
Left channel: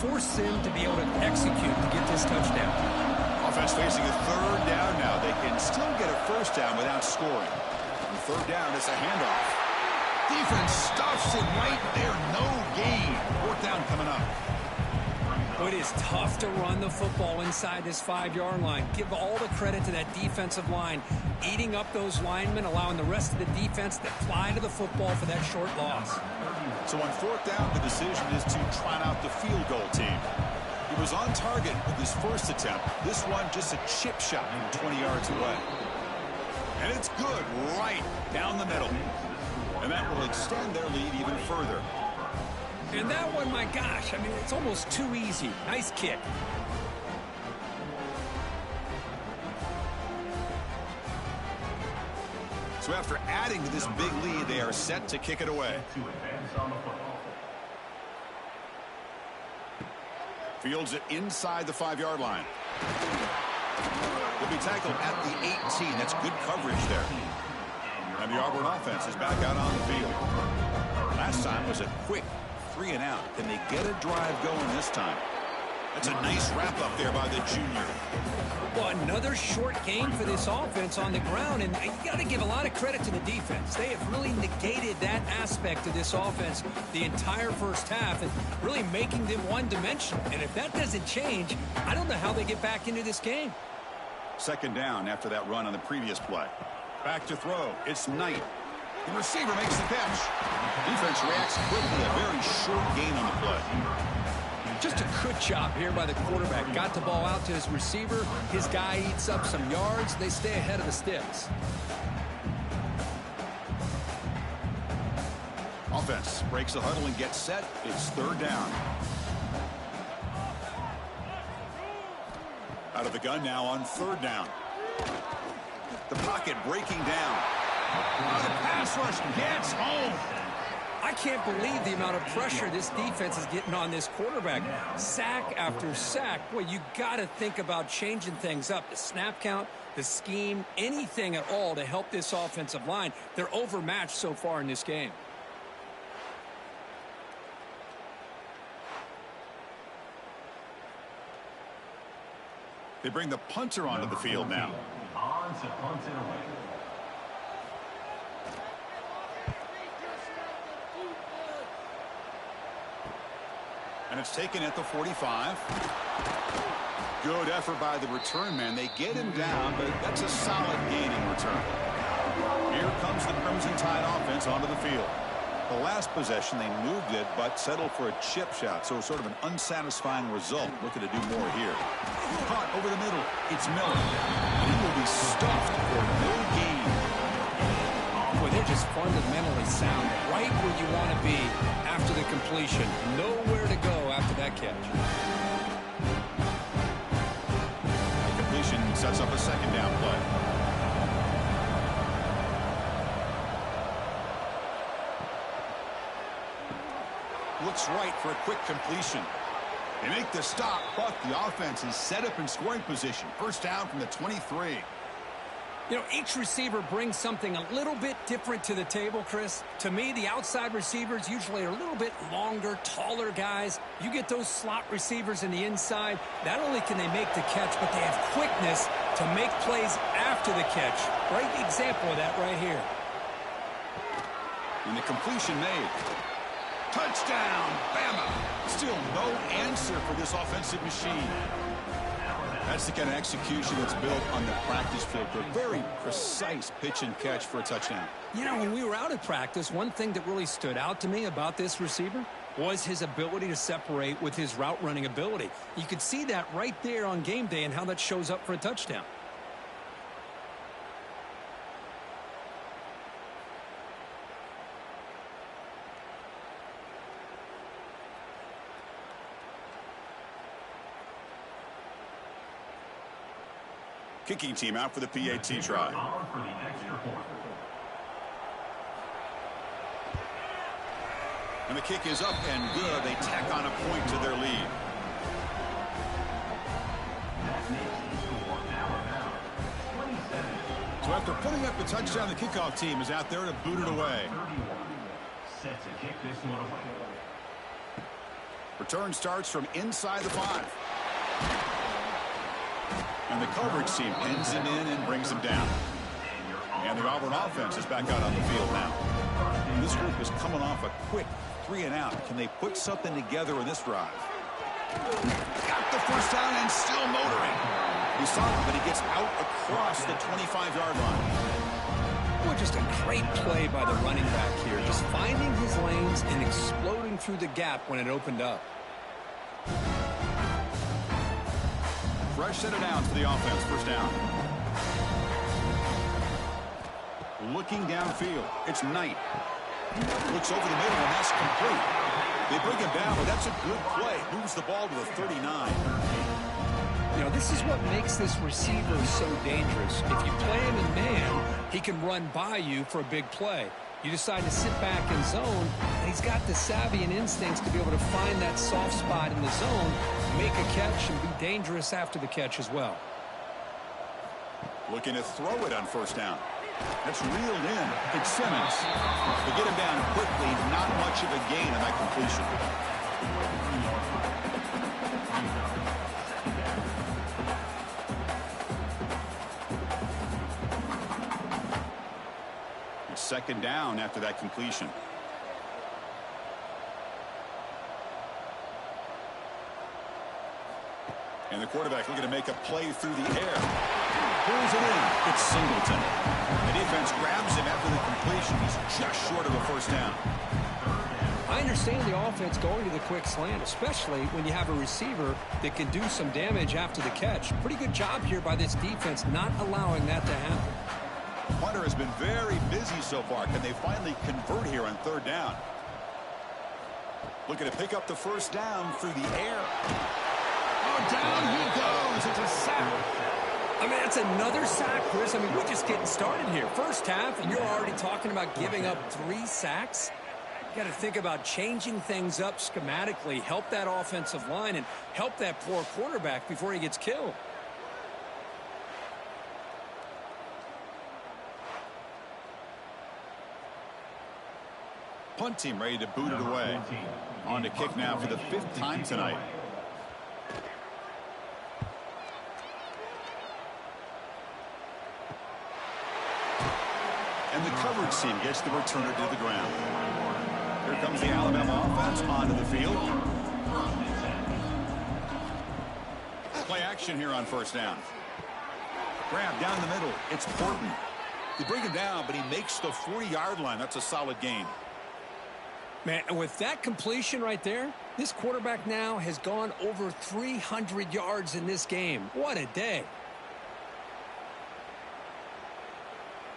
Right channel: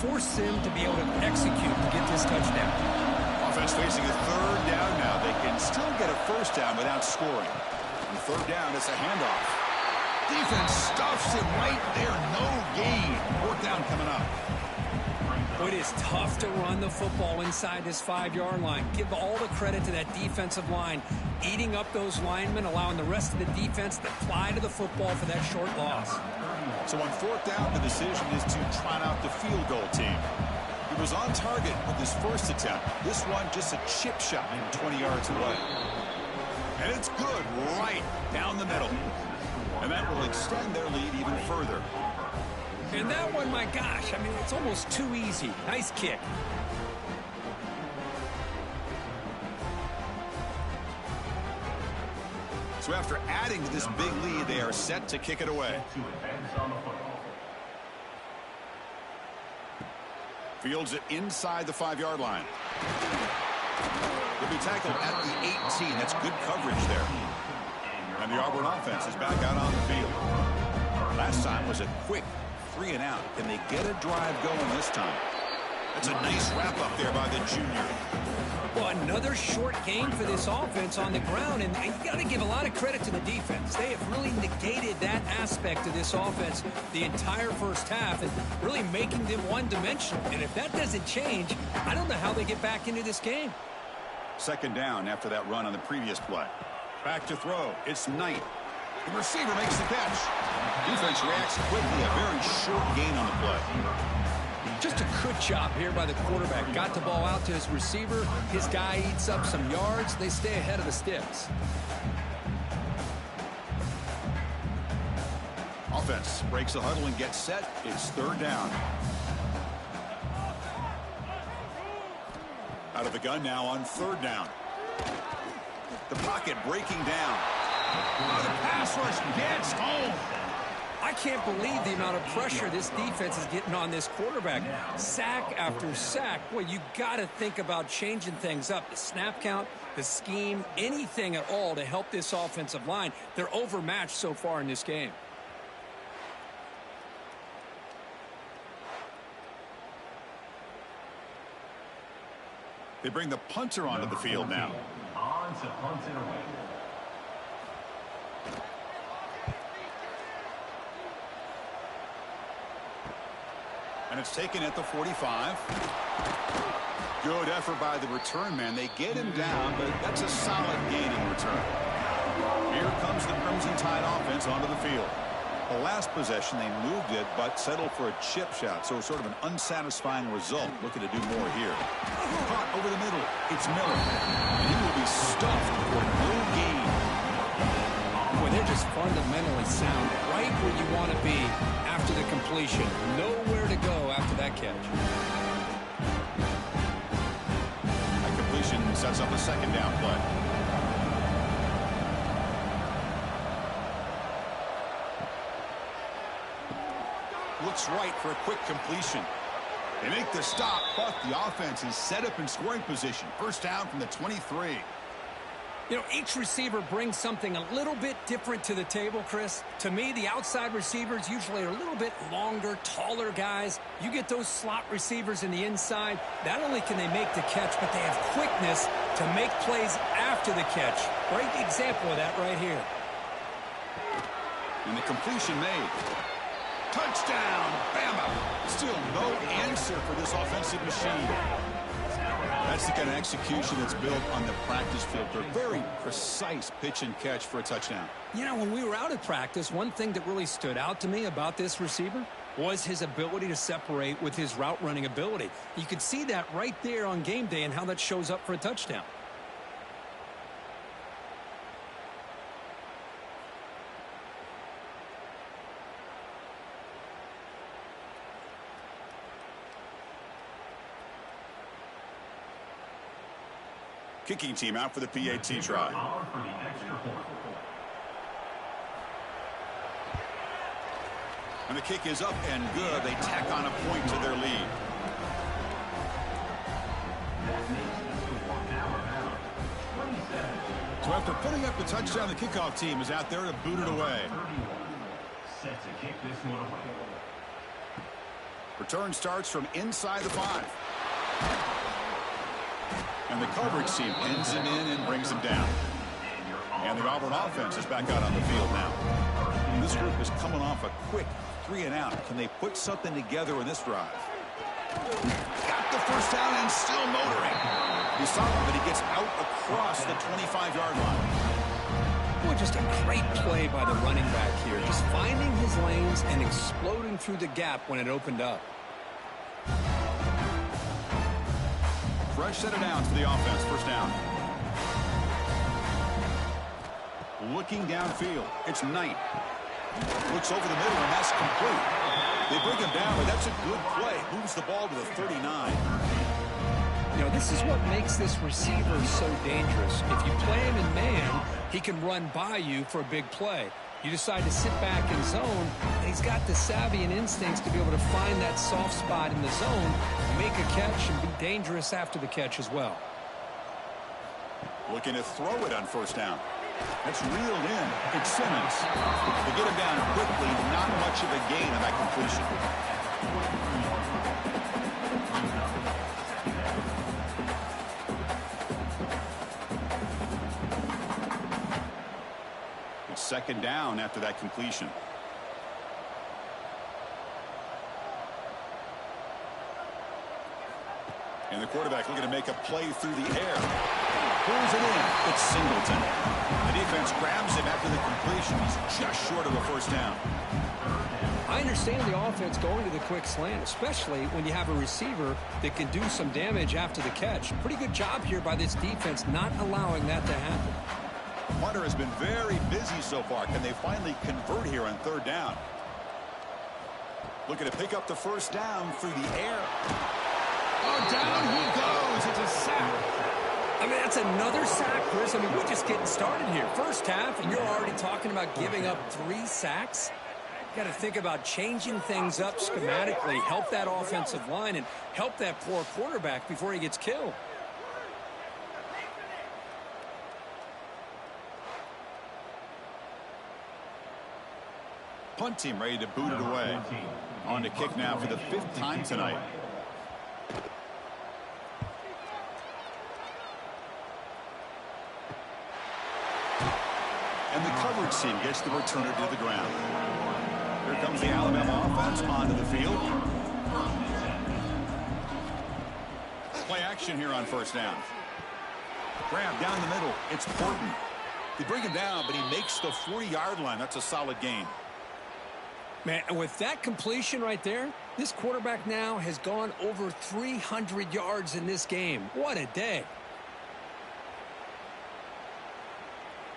Force them to be able to execute to get this touchdown. Offense facing a third down now. They can still get a first down without scoring. On third down, it's a handoff. Defense stuffs him right there. No gain. Fourth down coming up. It is tough to run the football inside this 5-yard line. Give all the credit to that defensive line, eating up those linemen, allowing the rest of the defense to fly to the football for that short loss. So on fourth down, the decision is to trot out the field goal team. He was on target with his first attempt. This one just a chip shot from 20 yards away. And it's good right down the middle. And that will extend their lead even further. And that one, my gosh, I mean, it's almost too easy. Nice kick. So after adding to this big lead, they are set to kick it away. Fields it inside the 5-yard line. They'll be tackled at the 18. That's good coverage there. And the Auburn offense is back out on the field. Last time was a quick 3 and out. Can they get a drive going this time? That's a nice wrap up there by the junior. Well, another short game for this offense on the ground, and you got to give a lot of credit to the defense. They have really negated that aspect of this offense the entire first half and really making them one-dimensional. And if that doesn't change, I don't know how they get back into this game. Second down after that run on the previous play. Back to throw. It's Knight. The receiver makes the catch. Defense reacts quickly. A very short gain on the play. Just a good job here by the quarterback. Got the ball out to his receiver. His guy eats up some yards. They stay ahead of the sticks. Offense breaks the huddle and gets set. It's third down. Out of the gun now on third down. The pocket breaking down. Oh, the pass rush gets home. I can't believe the amount of pressure this defense is getting on this quarterback. Sack after sack. Boy, you got to think about changing things up. The snap count, the scheme, anything at all to help this offensive line. They're overmatched so far in this game. They bring the punter onto the field now. On to punt it away. And it's taken at the 45. Good effort by the return man. They get him down, but that's a solid gain in return. Here comes the Crimson Tide offense onto the field. The last possession, they moved it, but settled for a chip shot, so sort of an unsatisfying result. Looking to do more here. Caught over the middle. It's Miller. And he will be stuffed for no gain. Boy, they're just fundamentally sound, right where you want to be after the completion. Nowhere to go after that catch. That completion sets up a second down play. Looks right for a quick completion. They make the stop, but the offense is set up in scoring position. First down from the 23. You know, each receiver brings something a little bit different to the table, Chris. To me, the outside receivers usually are a little bit longer, taller guys. You get those slot receivers in the inside, not only can they make the catch, but they have quickness to make plays after the catch. Great example of that right here. And the completion made. Touchdown, Bama. Still no answer for this offensive machine. That's the kind of execution that's built on the practice field. A very precise pitch and catch for a touchdown. You know, when we were out at practice, one thing that really stood out to me about this receiver was his ability to separate with his route running ability. You could see that right there on game day and how that shows up for a touchdown. Kicking team out for the PAT try. For the extra point. And the kick is up and good. They tack on a point to their lead. That makes the score Alabama 27. So after putting up the touchdown, the kickoff team is out there to boot it away. 31. Set to kick this one away. Return starts from inside the 5. And the coverage team pins him in and brings him down. And the Auburn offense is back out on the field now. This group is coming off a quick 3-and-out. Can they put something together in this drive? Got the first down and still motoring. He's solid, but he gets out across the 25-yard line. Boy, just a great play by the running back here. Just finding his lanes and exploding through the gap when it opened up. Fresh set of downs for the offense. First down. Looking downfield. It's Knight. Looks over the middle, and that's complete. They bring him down, but that's a good play. Moves the ball to the 39. You know, this is what makes this receiver so dangerous. If you play him in man, he can run by you for a big play. You decide to sit back in zone, and he's got the savvy and instincts to be able to find that soft spot in the zone, make a catch, and be dangerous after the catch as well. Looking to throw it on first down. That's reeled in. It's Simmons. They get him down quickly. Not much of a gain on that completion. It's second down after that completion. And the quarterback looking to make a play through the air. Pulls it in. It's Singleton. The defense grabs him after the completion. He's just short of a first down. I understand the offense going to the quick slant, especially when you have a receiver that can do some damage after the catch. Pretty good job here by this defense not allowing that to happen. Hunter has been very busy so far. Can they finally convert here on third down? Looking to pick up the first down through the air. Oh, down he goes. It's a sack. I mean, that's another sack, Chris. I mean, we're just getting started here. First half, and you're already talking about giving up 3 sacks. Got to think about changing things up schematically, help that offensive line, and help that poor quarterback before he gets killed. Punt team ready to boot it away. On to kick now for the 5th time tonight. And the coverage team gets the returner to the ground. Here comes the Alabama offense onto the field. Play action here on first down. Grab down the middle. It's Porton. They bring him down, but he makes the 40-yard line. That's a solid gain. Man, and with that completion right there, this quarterback now has gone over 300 yards in this game. What a day.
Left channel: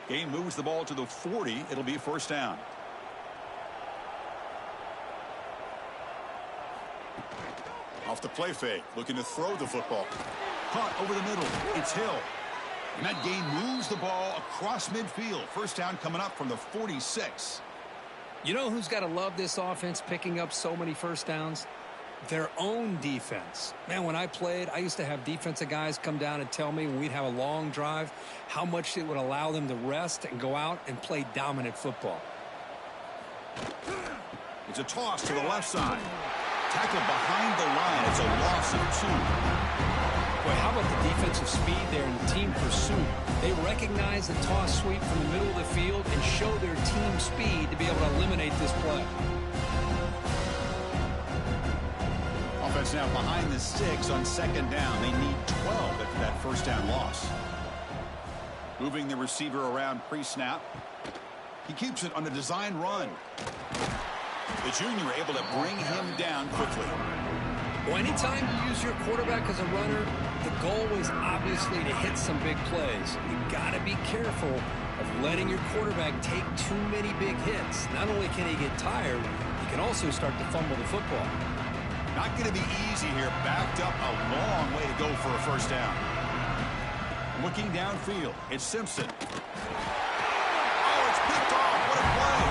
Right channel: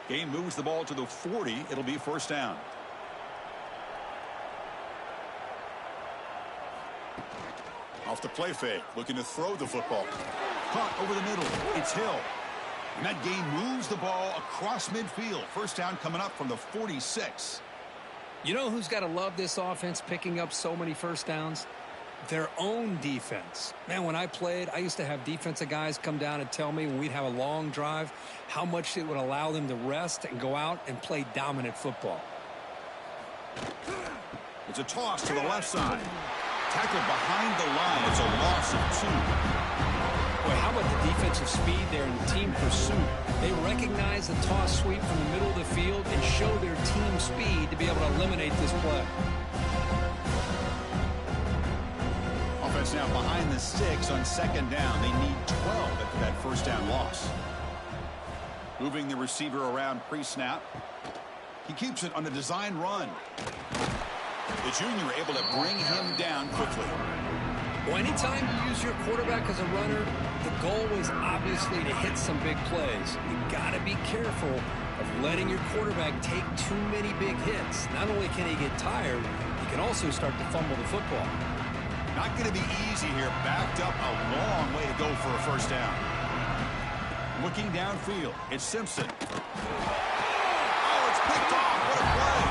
Game moves the ball to the 40. It'll be first down. Off the play fake, looking to throw the football. Caught over the middle. It's Hill. And that game moves the ball across midfield. First down coming up from the 46. You know who's got to love this offense picking up so many first downs? Their own defense. Man, when I played, I used to have defensive guys come down and tell me when we'd have a long drive how much it would allow them to rest and go out and play dominant football. It's a toss to the left side. Tackled behind the line. It's a loss of 2. Boy, how about the defensive speed there in team pursuit? They recognize the toss sweep from the middle of the field and show their team speed to be able to eliminate this play. Offense now behind the 6 on second down. They need 12 after that first down loss. Moving the receiver around pre-snap. He keeps it on a design run. The junior able to bring him down quickly. Well, anytime you use your quarterback as a runner, the goal is obviously to hit some big plays. You've got to be careful of letting your quarterback take too many big hits. Not only can he get tired, he can also start to fumble the football. Not going to be easy here. Backed up a long way to go for a first down. Looking downfield, it's Simpson. Oh, it's picked off. What a play.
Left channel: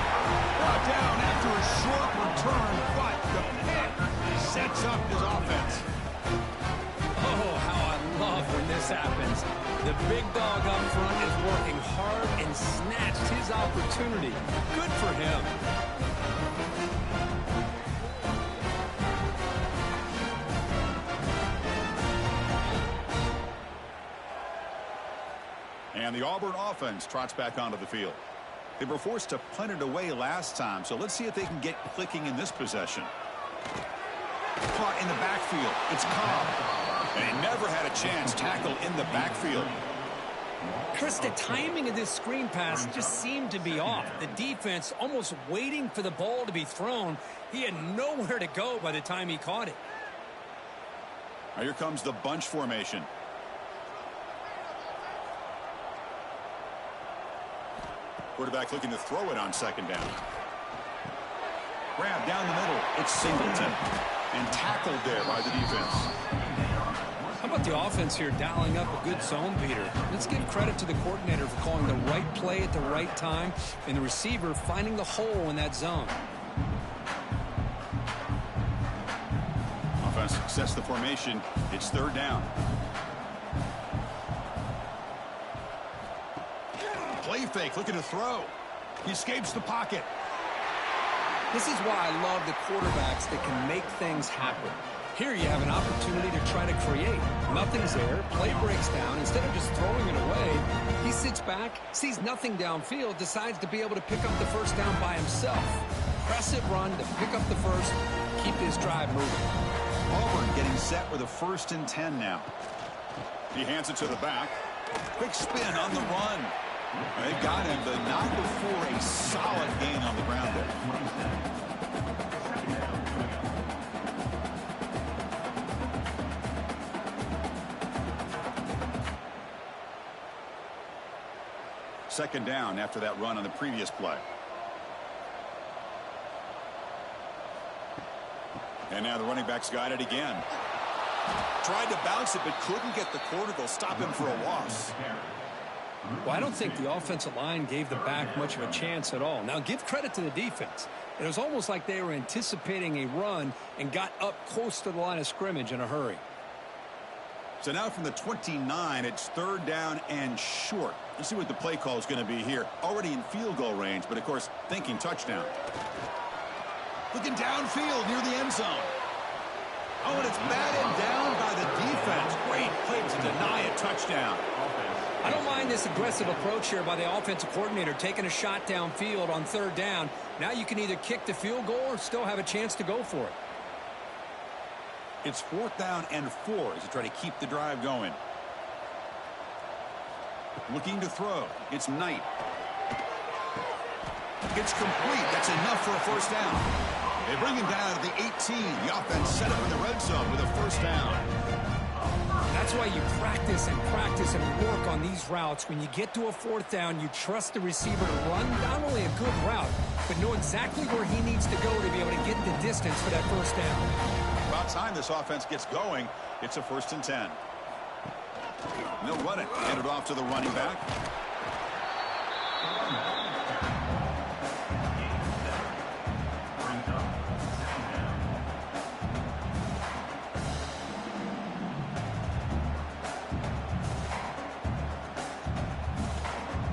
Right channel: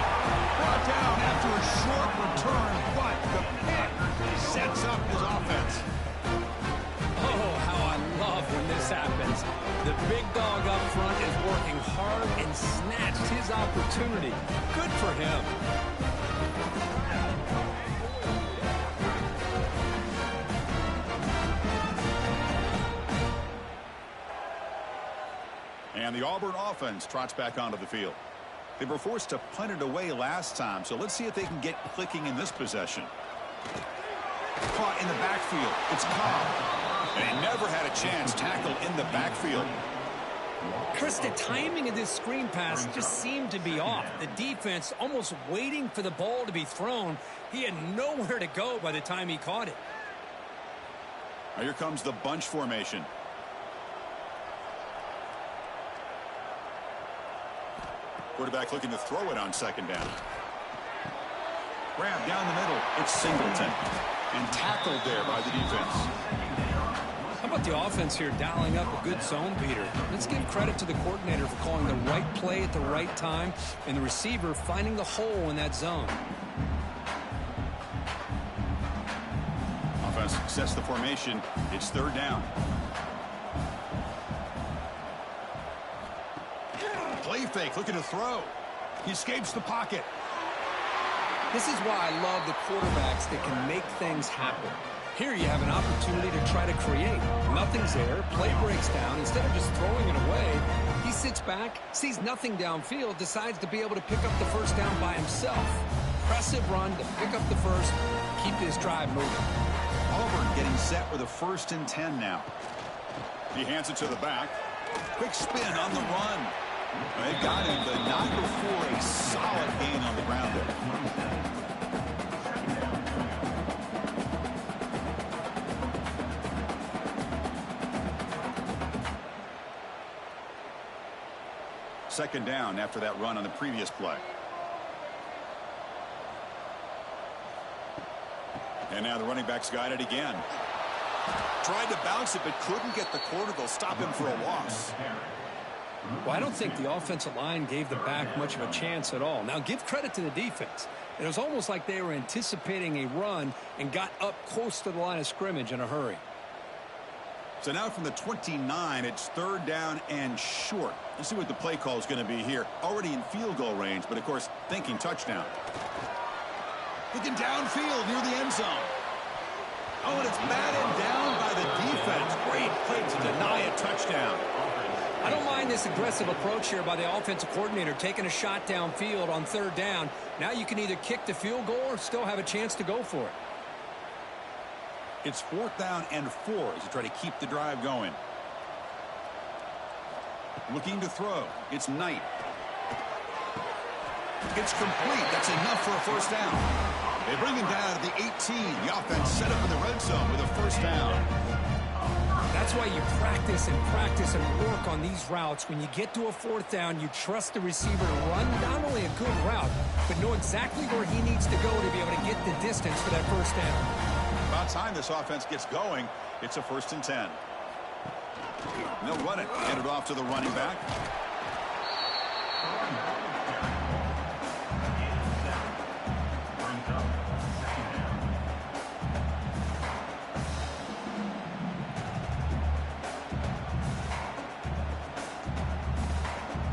Brought down after a short return, but the pick sets up his offense. Oh, how I love when this happens. The big dog up front is working hard and snatched his opportunity. Good for him. And the Auburn offense trots back onto the field. They were forced to punt it away last time, so let's see if they can get clicking in this possession. Caught in the backfield. It's Cobb. And he never had a chance tackled in the backfield. Chris, the timing of this screen pass just seemed to be off. The defense almost waiting for the ball to be thrown. He had nowhere to go by the time he caught it. Now here comes the bunch formation. Quarterback looking to throw it on second down. Grab down the middle. It's Singleton. And tackled there by the defense. How about the offense here dialing up a good zone beater? Let's give credit to the coordinator for calling the right play at the right time and the receiver finding the hole in that zone. Offense sets the formation. It's third down. Play fake, looking to throw. He escapes the pocket. This is why I love the quarterbacks that can make things happen. Here you have an opportunity to try to create. Nothing's there. Play breaks down. Instead of just throwing it away, he sits back, sees nothing downfield, decides to be able to pick up the first down by himself. Impressive run to pick up the first, keep this drive moving. Auburn getting set with a 1st and 10 now. He hands it to the back. Quick spin on the run. They got him, but not before a solid gain on the ground there. Second down after that run on the previous play. And now the running back's got it again. Tried to bounce it, but couldn't get the corner to stop him for a loss. Well, I don't think the offensive line gave the back much of a chance at all. Now, give credit to the defense. It was almost like they were anticipating a run and got up close to the line of scrimmage in a hurry. So now from the 29, it's third down and short. Let's see what the play call is going to be here. Already in field goal range, but, of course, thinking touchdown. Looking downfield near the end zone. Oh, and it's batted down by the defense. Great play to deny a touchdown. I don't mind this aggressive approach here by the offensive coordinator, taking a shot downfield on third down. Now you can either kick the field goal or still have a chance to go for it. It's 4th down and 4 as you try to keep the drive going. Looking to throw. It's Knight. It's complete. That's enough for a first down. They bring him down to the 18. The offense set up in the red zone with a first down. That's why you practice and work on these routes. When you get to a 4th down, you trust the receiver to run not only a good route, but know exactly where he needs to go to be able to get the distance for that first down. About time this offense gets going. It's a 1st and 10. And they'll run it. Hand it off to the running back.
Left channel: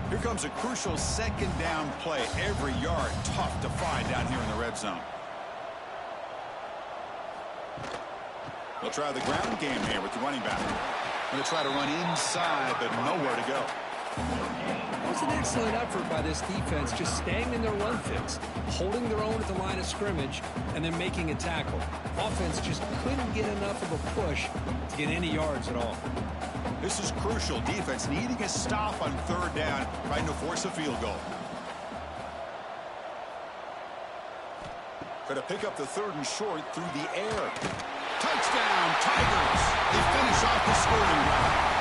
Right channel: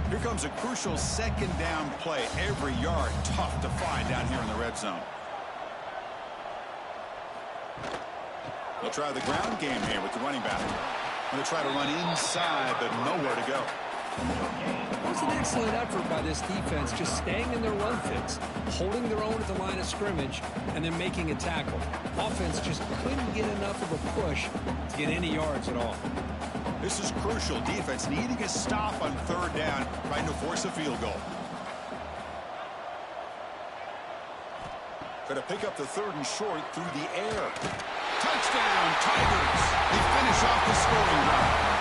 Here comes a crucial second down play. Every yard tough to find down here in the red zone. They'll try the ground game here with the running back. Going to try to run inside, but nowhere to go. It was an excellent effort by this defense, just staying in their run fix, holding their own at the line of scrimmage, and then making a tackle. Offense just couldn't get enough of a push to get any yards at all. This is crucial. Defense needing a stop on third down, trying to force a field goal. Try to pick up the 3rd and short through the air. Touchdown, Tigers. They finish off the scoring drive.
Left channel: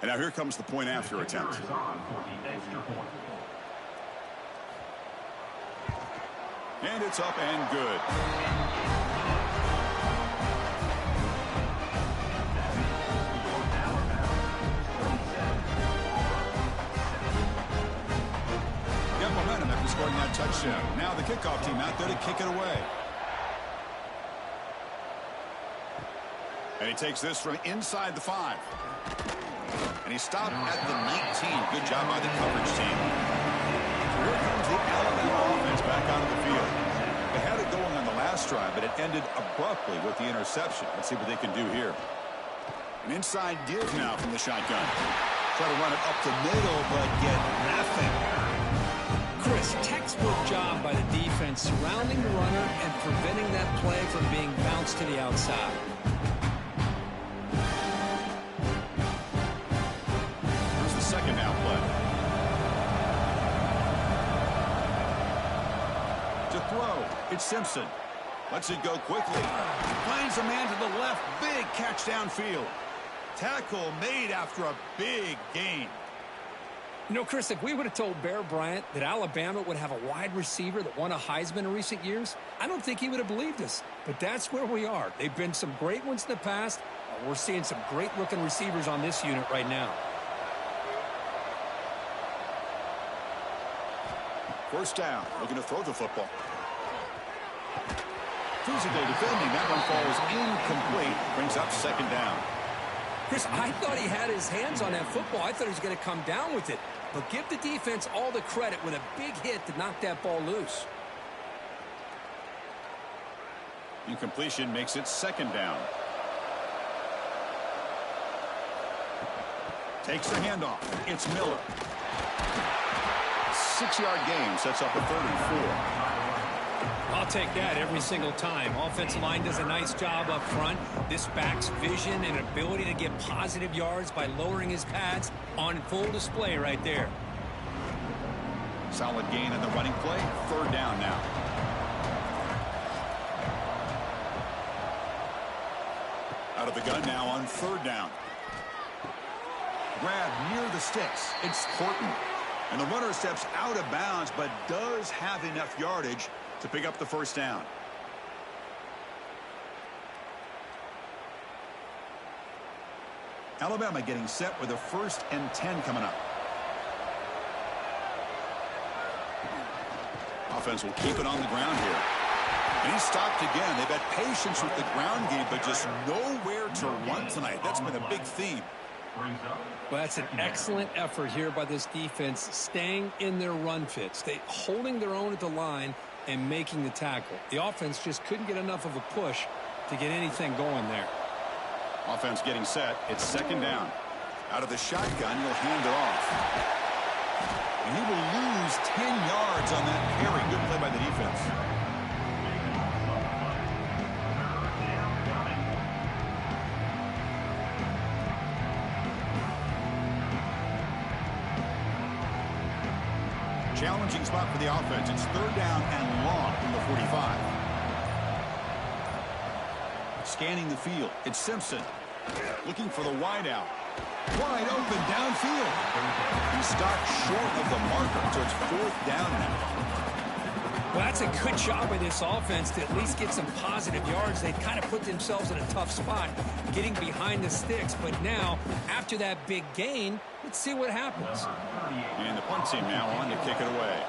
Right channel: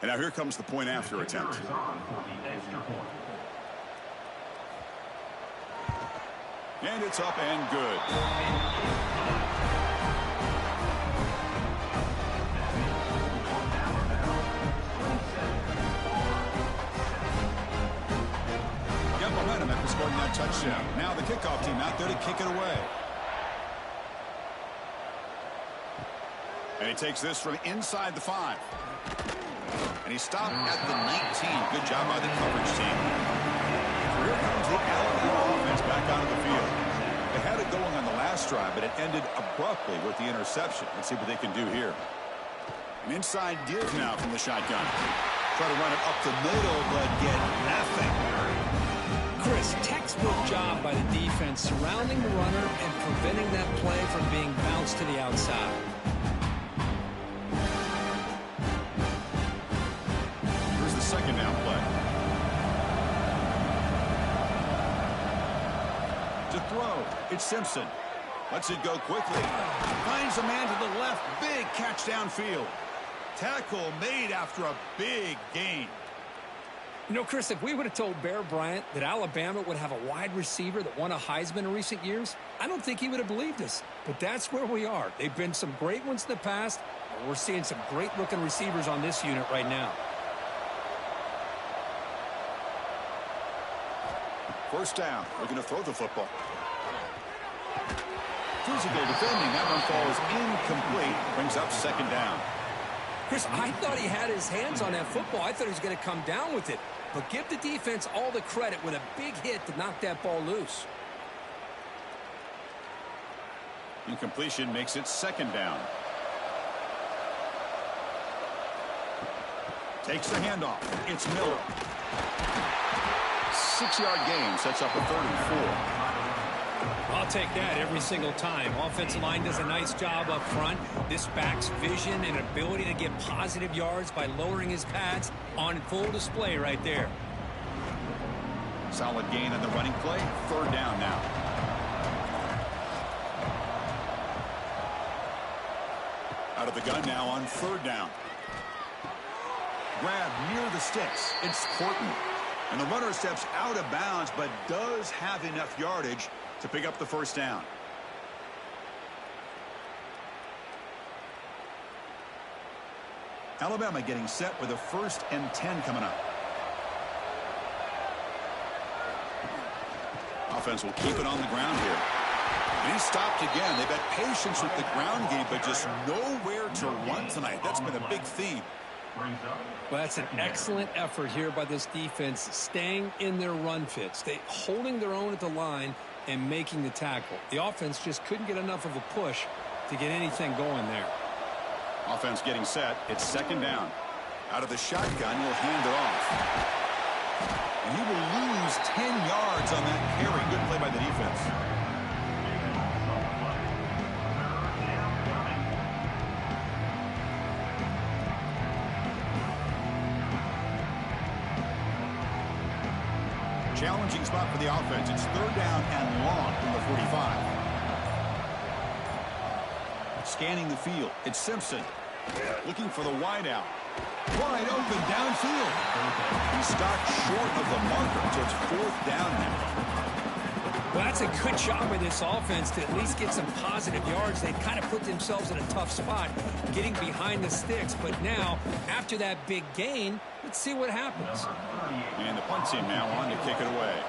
And now here comes the point after attempt. Kicker is on for the extra point. And it's up and good. Got momentum after scoring that touchdown. Now the kickoff team out there to kick it away. And he takes this from inside the 5. And he stopped at the 19. Good job by the coverage team. So here comes the Alabama offense back onto the field. They had it going on the last drive, but it ended abruptly with the interception. Let's see what they can do here. An inside give now from the shotgun. Try to run it up the middle, but get nothing. Chris, textbook job by the defense surrounding the runner and preventing that play from being bounced to the outside. Here's the second down play. To throw, it's Simpson. Lets it go quickly. Finds a man to the left. Big catch downfield. Tackle made after a big gain. You know, Chris, if we would have told Bear Bryant that Alabama would have a wide receiver that won a Heisman in recent years, I don't think he would have believed us. But that's where we are. They've been some great ones in the past, and we're seeing some great-looking receivers on this unit right now. First down, looking to throw the football. Physical defending, that one falls incomplete, brings up second down. Chris, I thought he had his hands on that football. I thought he was going to come down with it. But give the defense all the credit with a big hit to knock that ball loose. Incompletion makes it second down. Takes the handoff. It's Miller. 6-yard gain sets up a 3rd and 4. I'll take that every single time. Offensive line does a nice job up front. This back's vision and ability to get positive yards by lowering his pads on full display right there. Solid gain on the running play. 3rd down now. Out of the gun now on 3rd down. Grab near the sticks. It's Horton. And the runner steps out of bounds, but does have enough yardage to pick up the first down. Alabama getting set with a 1st and 10 coming up. Offense will keep it on the ground here. And he stopped again. They've had patience with the ground game, but just nowhere to run tonight. That's been a big theme. Well, that's an excellent effort here by this defense, staying in their run fits. They holding their own at the line and making the tackle. The offense just couldn't get enough of a push to get anything going there. Offense getting set. It's second down. Out of the shotgun, he'll hand it off. And he will lose 10 yards on that carry. Good play by the defense. Challenging spot for the offense. It's 3rd down and long from the 45. Scanning the field. It's Simpson. Looking for the wideout. Wide open downfield. He stopped short of the marker, so it's 4th down now. Well, that's a good job by this offense to at least get some positive yards. They've kind of put themselves in a tough spot getting behind the sticks. But now, after that big gain, let's see what happens. And the punt team now on to kick it away.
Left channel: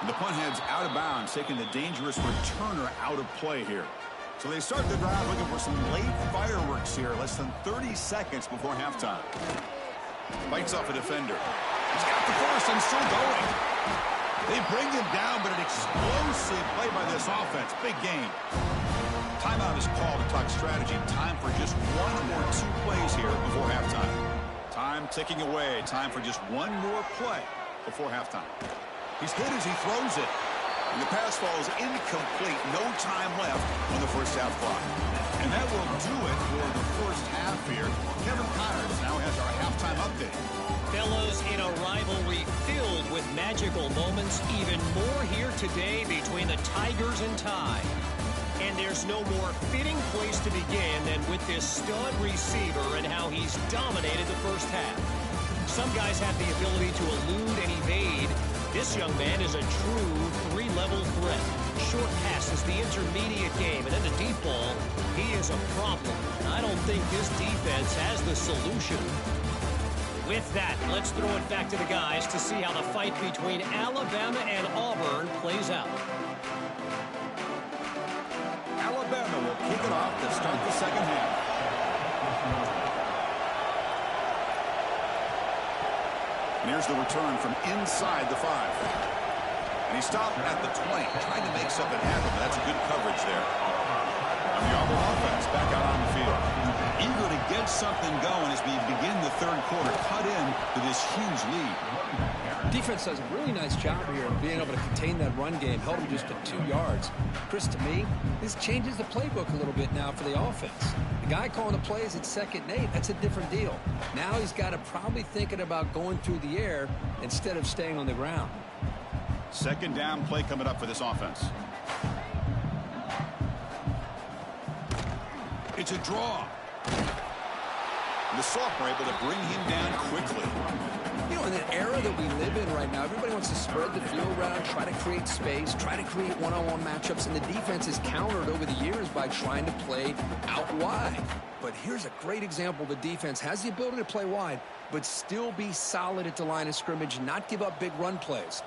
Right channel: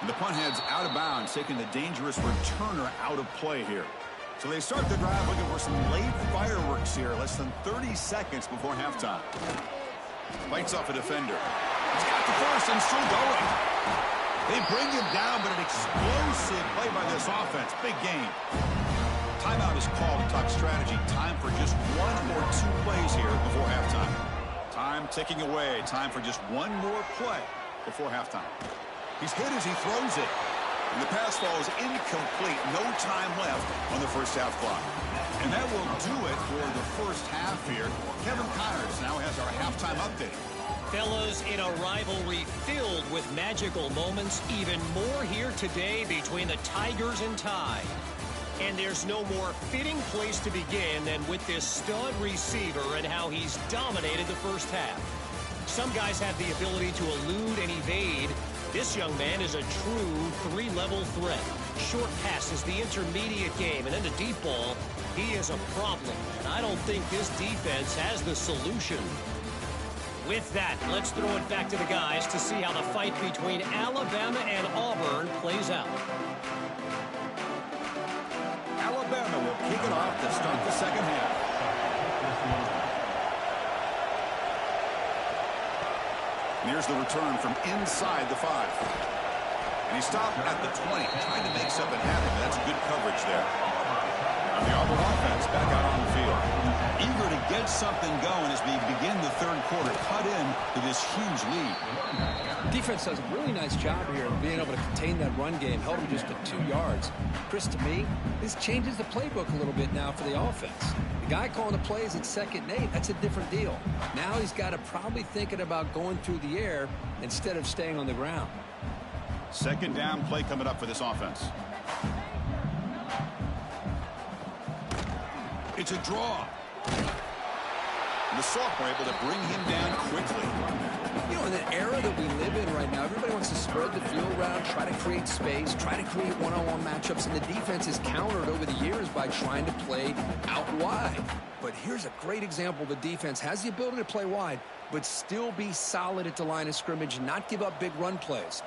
And the punt heads out of bounds, taking the dangerous returner out of play here. So they start the drive looking for some late fireworks here, less than 30 seconds before halftime. Bites off a defender. He's got the first and still going. They bring him down, but an explosive play by this offense. Big gain. Timeout is called to talk strategy. Time for just 1 or 2 plays here before halftime. Time ticking away. Time for just 1 more play before halftime. He's hit as he throws it. And the pass falls incomplete. No time left on the first half clock. And that will do it for the first half here. Kevin Connors now has our halftime update. Fellows, in a rivalry filled with magical moments, even more here today between the Tigers and Tide. And there's no more fitting place to begin than with this stud receiver and how he's dominated the first half. Some guys have the ability to elude and evade. This young man is a true three-level threat. Short passes, the intermediate game, and then the deep ball. He is a problem, and I don't think this defense has the solution. With that, let's throw it back to the guys to see how the fight between Alabama and Auburn plays out. Alabama will kick it off to start the second half. And here's the return from inside the 5. And he stopped at the 20, trying to make something happen, but that's good coverage there. And the Auburn offense back out on the field. Eager to get something going as we begin the third quarter, cut in to this huge lead. Defense does a really nice job here of being able to contain that run game, held him just to 2 yards. Chris, to me, this changes the playbook a little bit now for the offense. The guy calling the plays at 2nd and 8, that's a different deal. Now he's got to probably thinking about going through the air instead of staying on the ground. Second down play coming up for this offense. It's a draw. And the sophomore able to bring him down quickly. You know, in the era that we live in right now, everybody wants to spread the field around, try to create space, try to create one-on-one matchups, and the defense is countered over the years by trying to play out wide. But here's a great example. The defense has the ability to play wide, but still be solid at the line of scrimmage and not give up big run plays.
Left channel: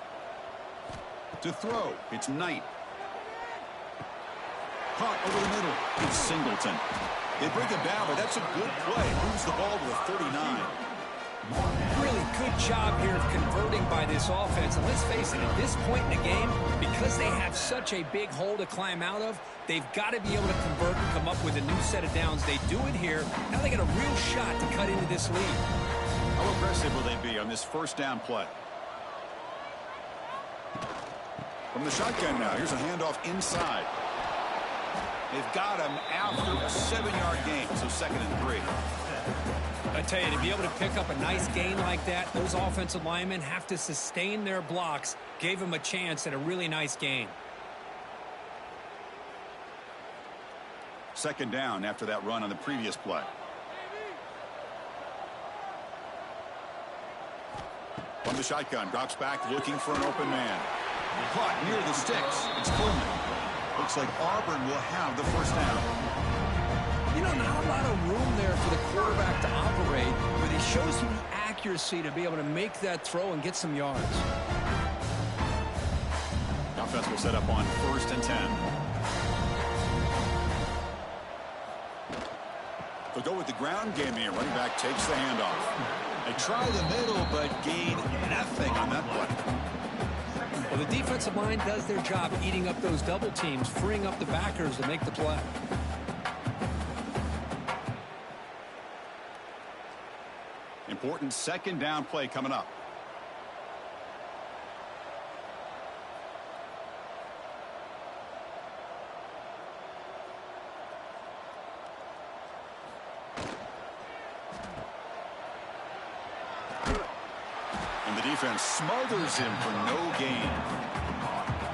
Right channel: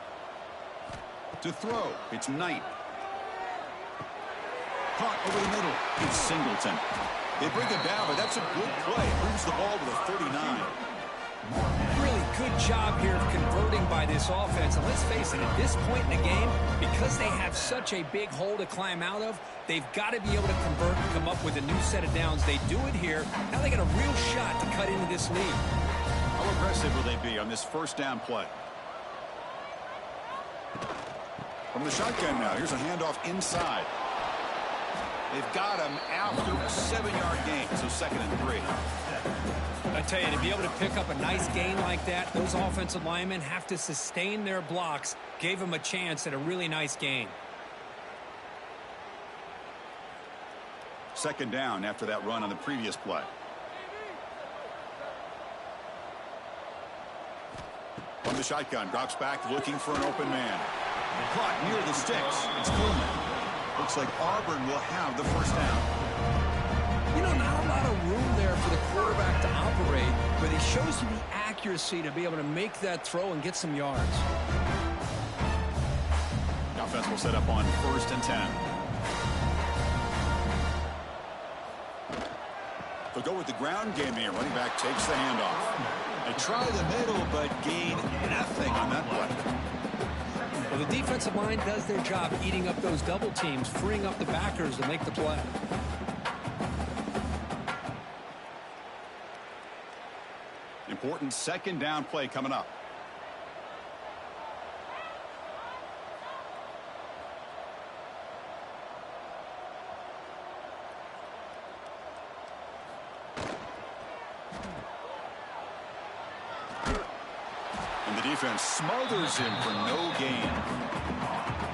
To throw, it's Knight. Caught over the middle, it's Singleton. They bring it down, but that's a good play. Moves the ball to the 39. Really good job here of converting by this offense. And let's face it, at this point in the game, because they have such a big hole to climb out of, they've got to be able to convert and come up with a new set of downs. They do it here. Now they got a real shot to cut into this lead. How aggressive will they be on this first down play? From the shotgun now, here's a handoff inside. They've got him after a 7-yard gain, so 2nd and 3. I tell you, to be able to pick up a nice gain like that, those offensive linemen have to sustain their blocks. Gave them a chance at a really nice gain. 2nd down after that run on the previous play. From the shotgun, drops back looking for an open man. Caught near the sticks. It's Coleman. Looks like Auburn will have the first down. You know, not a lot of room there for the quarterback to operate, but he shows you the accuracy to be able to make that throw and get some yards. The offense will set up on 1st and 10. They'll go with the ground game here. Running back takes the handoff. They try the middle, but gain nothing on that play. Well, the defensive line does their job eating up those double teams, freeing up the backers to make the play. Important 2nd down play coming up. And the defense smothers him for no gain.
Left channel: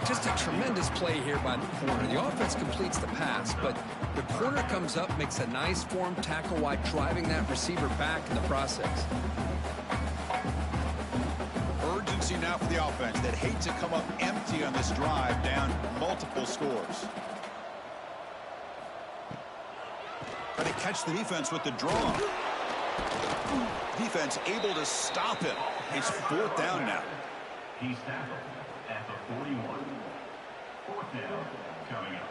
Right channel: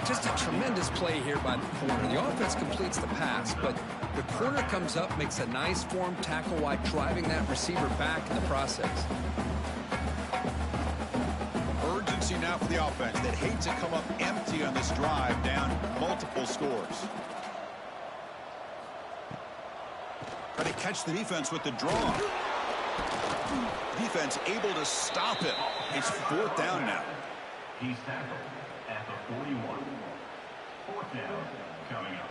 Just a tremendous play here by the corner. The offense completes the pass, but the corner comes up, makes a nice form tackle while driving that receiver back in the process. Urgency now for the offense that hate to come up empty on this drive, down multiple scores. Try to catch the defense with the draw. Defense able to stop him. It's 4th down now. He's tackled at the 41. 4th down coming up.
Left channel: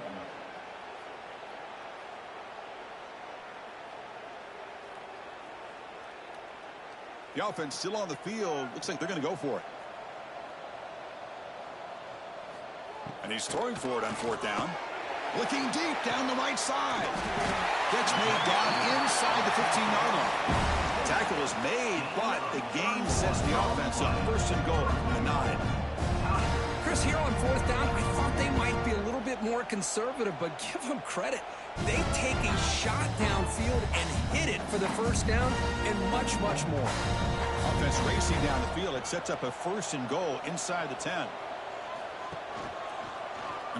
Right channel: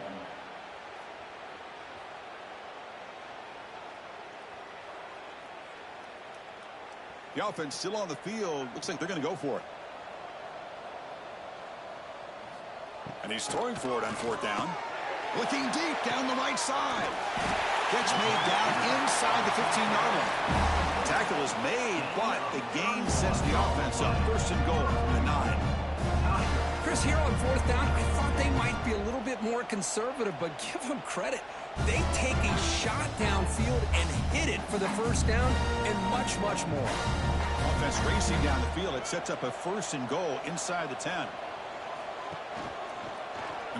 The offense still on the field. Looks like they're going to go for it. And he's throwing for it on 4th down. Looking deep down the right side. Catch made down inside the 15-yard line. The tackle is made, but the gain sets the offense up. 1st and goal from the 9. Chris, here on 4th down, I thought they might be a little bit more conservative, but give them credit. They take a shot downfield and hit it for the 1st down and much, much more. Offense racing down the field. It sets up a 1st and goal inside the 10.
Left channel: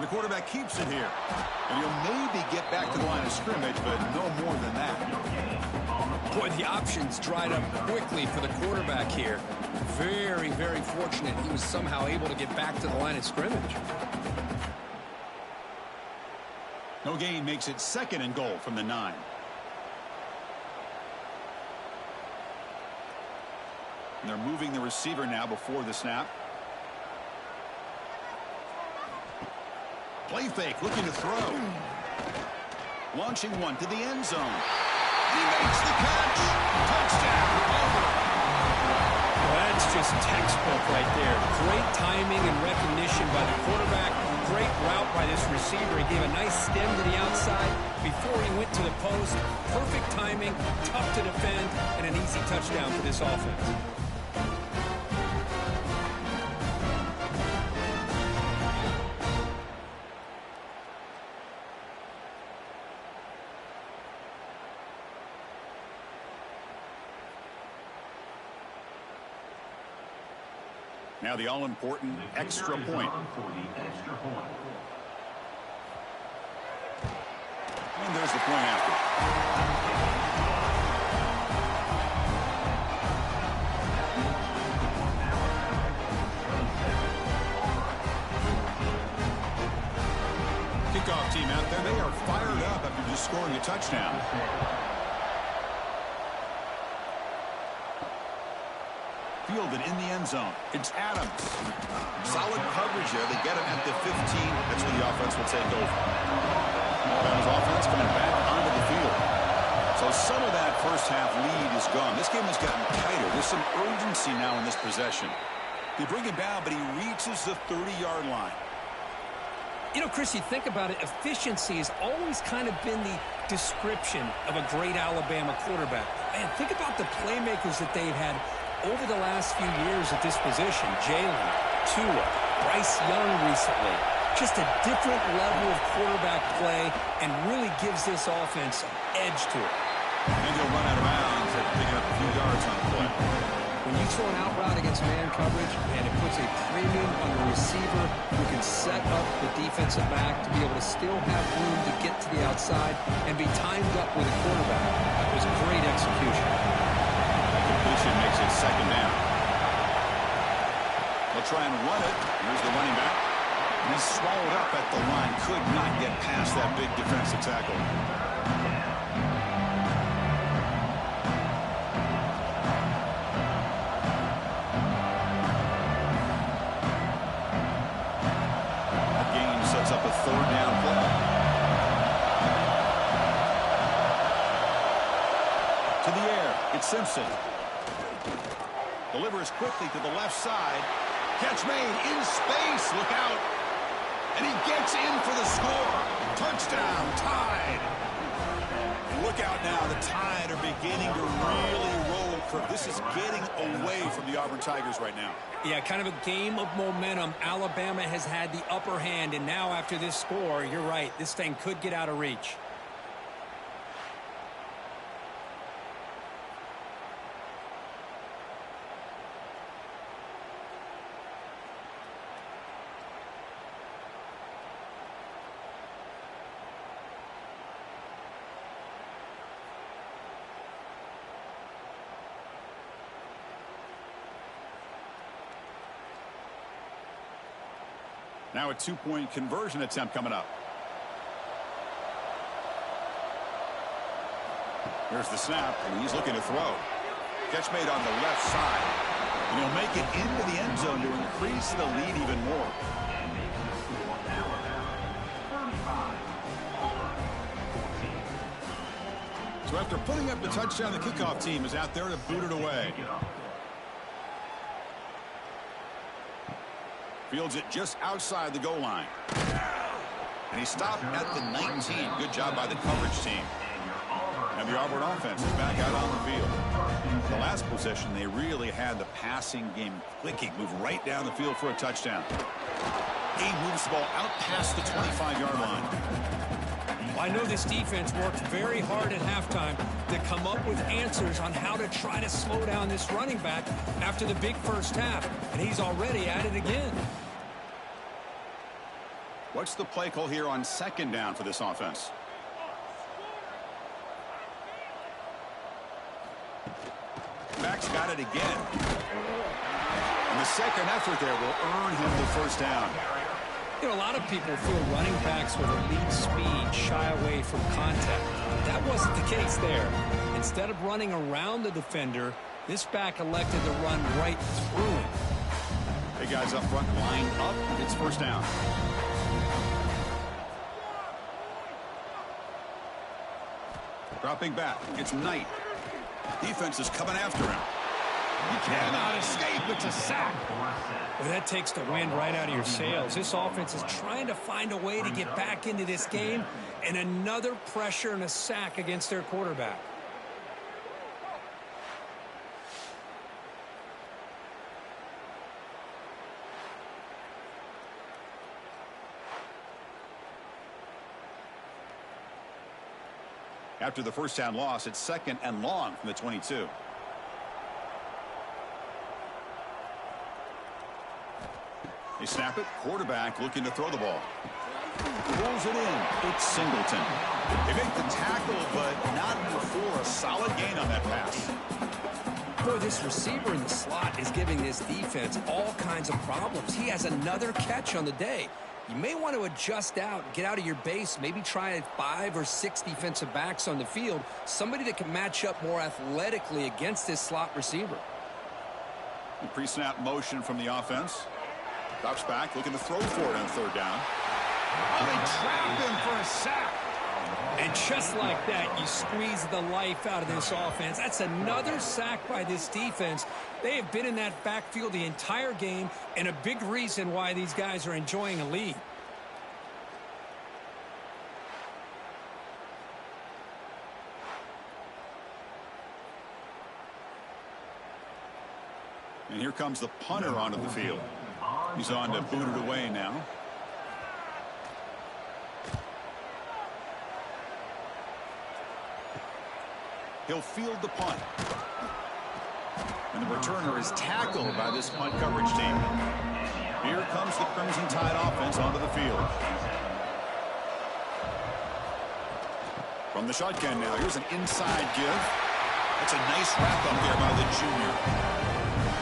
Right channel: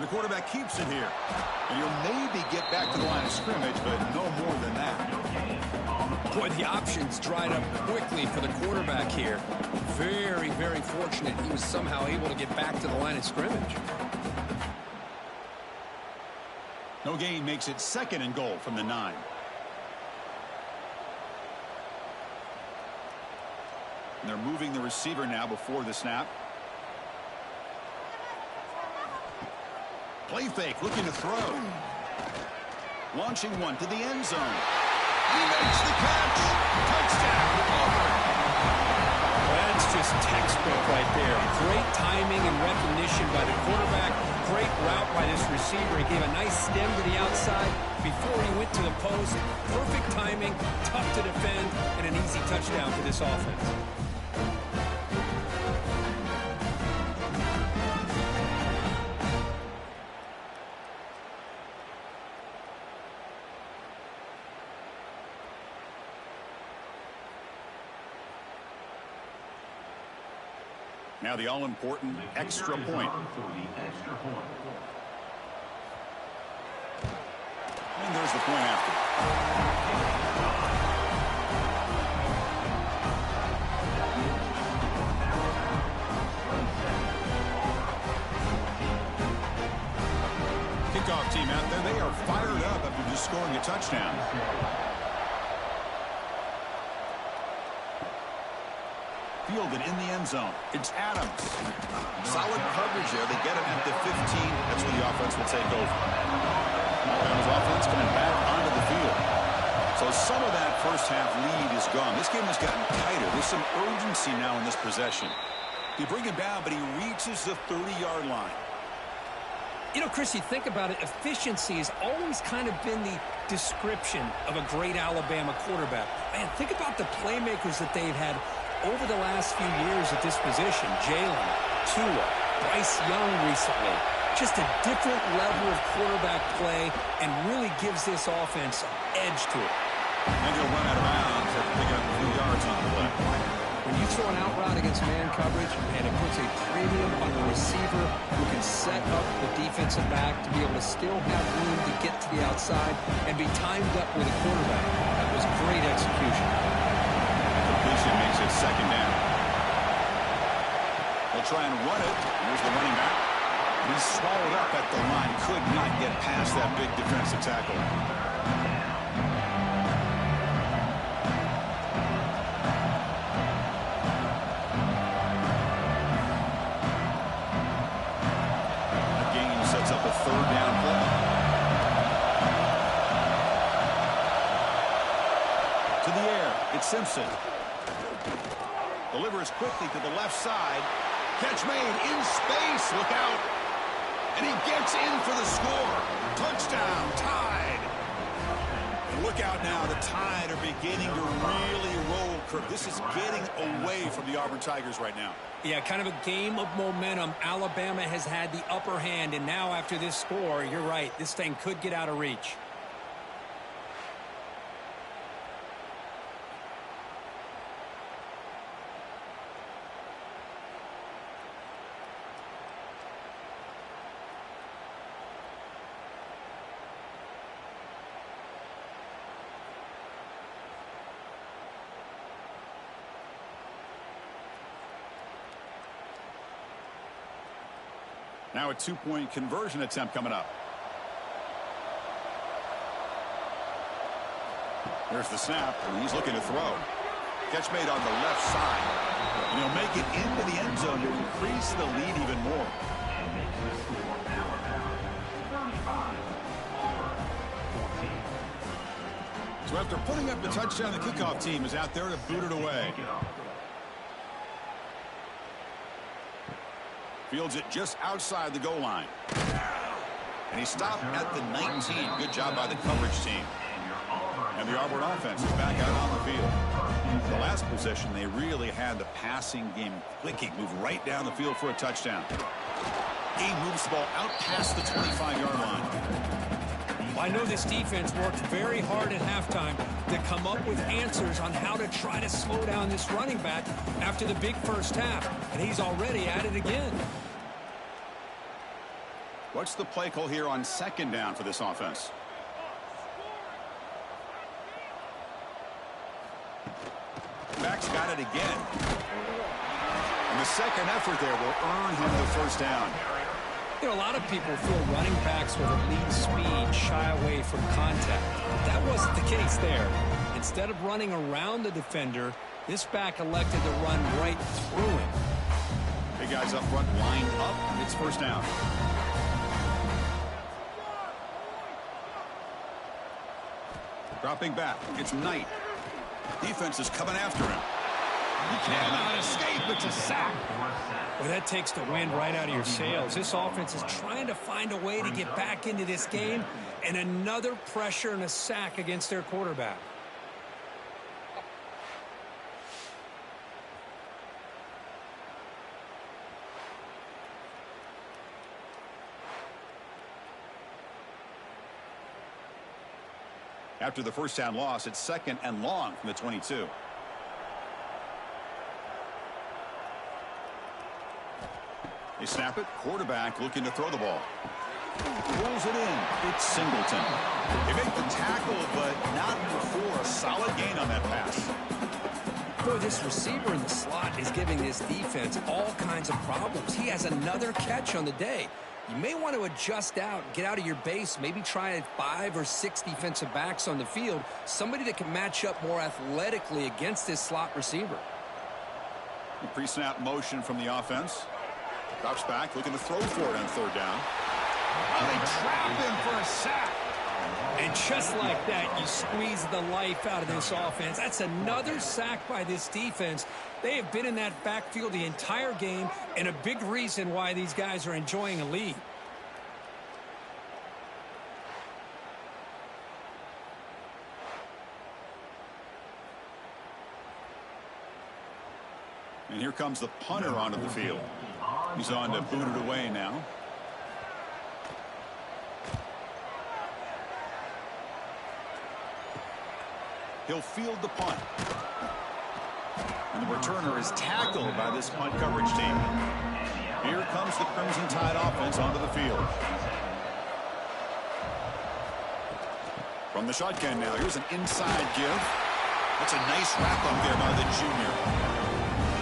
And the quarterback keeps it here. And he'll maybe get back to the line of scrimmage, but no more than that. Boy, the options dried up quickly for the quarterback here. Very, very fortunate he was somehow able to get back to the line of scrimmage. No gain makes it 2nd and goal from the 9. And they're moving the receiver now before the snap. Play fake, looking to throw. Launching one to the end zone. And he makes the catch. Touchdown, Auburn. Well, that's just textbook right there. Great timing and recognition by the quarterback. Great route by this receiver. He gave a nice stem to the outside before he went to the post. Perfect timing, tough to defend, and an easy touchdown for this offense. Now the all-important extra point. And there's the point after. Kickoff team out there, they are fired up after just scoring a touchdown. Fielded in the end zone. It's Adams. Solid coverage there. They get him at the 15. That's where the offense will take over. Alabama's offense coming back onto the field. So some of that first half lead is gone. This game has gotten tighter. There's some urgency now in this possession. They bring him down, but he reaches the 30-yard line. You know, Chris, you think about it, efficiency has always kind of been the description of a great Alabama quarterback. Man, think about the playmakers that they've had over the last few years at this position. Jalen, Tua, Bryce Young recently. Just a different level of quarterback play and really gives this offense an edge to it. And he'll run out of bounds after picking up a few yards on the play. When you throw an out route against man coverage, man, it puts a premium on a receiver who can set up the defensive back to be able to still have room to get to the outside and be timed up with a quarterback. That was great execution. Completion makes it 2nd down. They'll try and run it. Here's the running back. He's swallowed up at the line. Could not get past that big defensive tackle. That gain sets up a 3rd down play. To the air, it's Simpson. Delivers quickly to the left side. Catch made in space. Look out. And he gets in for the score. Touchdown, Tide. And look out now. The Tide are beginning to really roll. This is getting away from the Auburn Tigers right now. Yeah, kind of a game of momentum. Alabama has had the upper hand, and now after this score, you're right, this thing could get out of reach. Now a 2-point conversion attempt coming up. Here's the snap, and he's looking to throw. Catch made on the left side. And he'll make it into the end zone to increase the lead even more. And makes the score Alabama 35, Auburn 14. So after putting up the touchdown, the kickoff team is out there to boot it away. Fields it just outside the goal line. And he stopped at the 19. Good job by the coverage team. And the Auburn offense is back out on the field. The last possession, they really had the passing game clicking. Move right down the field for a touchdown. He moves the ball out past the 25-yard line. I know this defense worked very hard at halftime to come up with answers on how to try to slow down this running back after the big first half. And he's already at it again. What's the play call here on second down for this offense? Back's got it again. And the second effort there will earn him the first down. You know, a lot of people feel running backs with elite speed shy away from contact. That wasn't the case there. Instead of running around the defender, this back elected to run right through him. Hey, guys up front lined up. It's first down. Dropping back. It's Knight. Defense is coming after him. He cannot escape. It's a sack. Well, that takes the wind right out of your sails. This offense is trying to find a way to get back into this game, and another pressure and a sack against their quarterback. After the first down loss, it's second and long from the 22. They snap it. Quarterback looking to throw the ball. Pulls it in. It's Singleton. They make the tackle, but not before a solid gain on that pass. Boy, this receiver in the slot is giving this defense all kinds of problems. He has another catch on the day. You may want to adjust out, get out of your base, maybe try 5 or 6 defensive backs on the field, somebody that can match up more athletically against this slot receiver. The pre-snap motion from the offense. Drops back, looking to throw for it on third down. Oh, they trap him for a sack. And just like that, you squeeze the life out of this offense. That's another sack by this defense. They have been in that backfield the entire game, and a big reason why these guys are enjoying a lead. And here comes the punter onto the field. He's on to boot it away now. He'll field the punt. And the returner is tackled by this punt coverage team. Here comes the Crimson Tide offense onto the field. From the shotgun now, here's an inside give. That's a nice wrap-up there by the junior.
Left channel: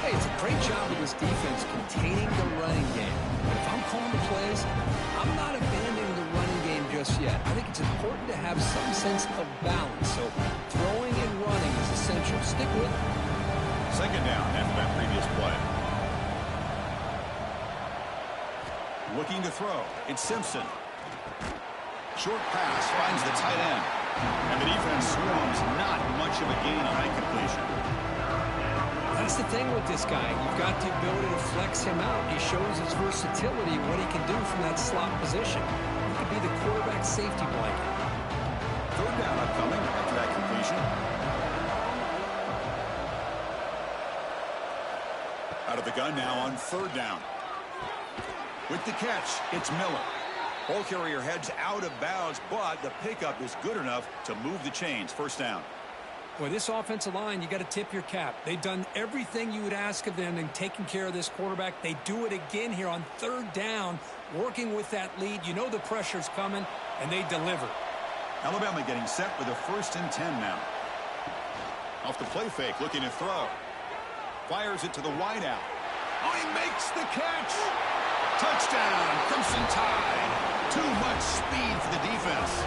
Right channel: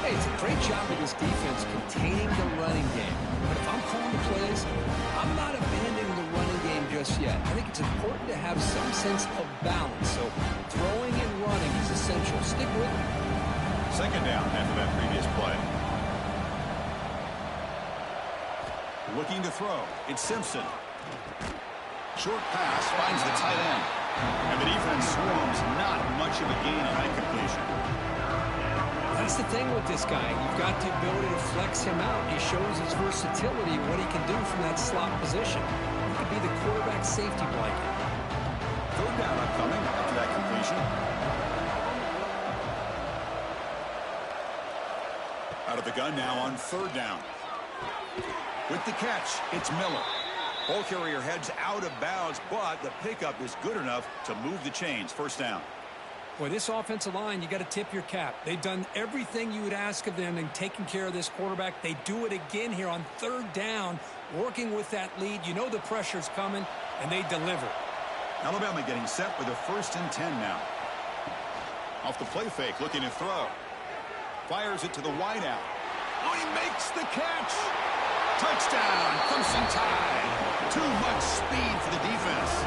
Hey, it's a great job of this defense containing the running game. But if I'm calling the plays, I'm not abandoning the running game just yet. I think it's important to have some sense of balance. So throwing and running is essential. Stick with it. Second down after that previous play. Looking to throw. It's Simpson. Short pass finds the tight end. And the defense swarms. Not much of a gain on that completion. That's the thing with this guy. You've got the ability to flex him out. He shows his versatility, what he can do from that slot position. He could be the quarterback safety blanket. Third down upcoming after that completion. Out of the gun now on third down. With the catch, it's Miller. Ball carrier heads out of bounds, but the pickup is good enough to move the chains. First down. Boy, this offensive line, you got to tip your cap. They've done everything you would ask of them in taking care of this quarterback. They do it again here on third down, working with that lead. You know the pressure's coming, and they deliver. Alabama getting set with a 1st and 10 now. Off the play fake, looking to throw. Fires it to the wideout. Oh, he makes the catch. Touchdown, Crimson Tide. Too much speed for the defense.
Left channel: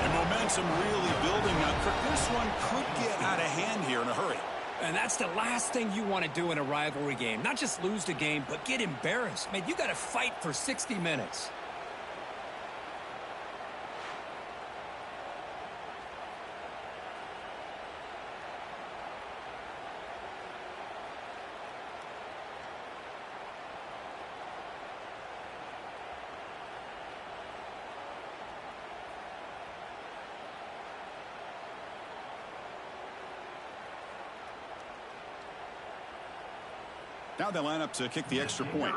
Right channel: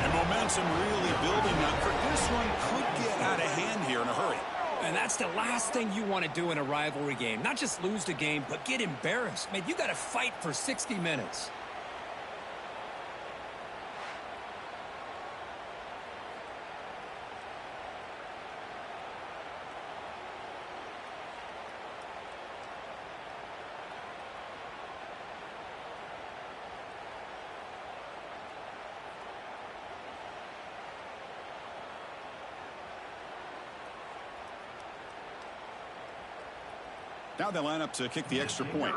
And momentum really building now. Kirk, this one could get out of hand here in a hurry. And that's the last thing you want to do in a rivalry game. Not just lose the game, but get embarrassed. Man, you got to fight for 60 minutes. Now they line up to kick the extra point.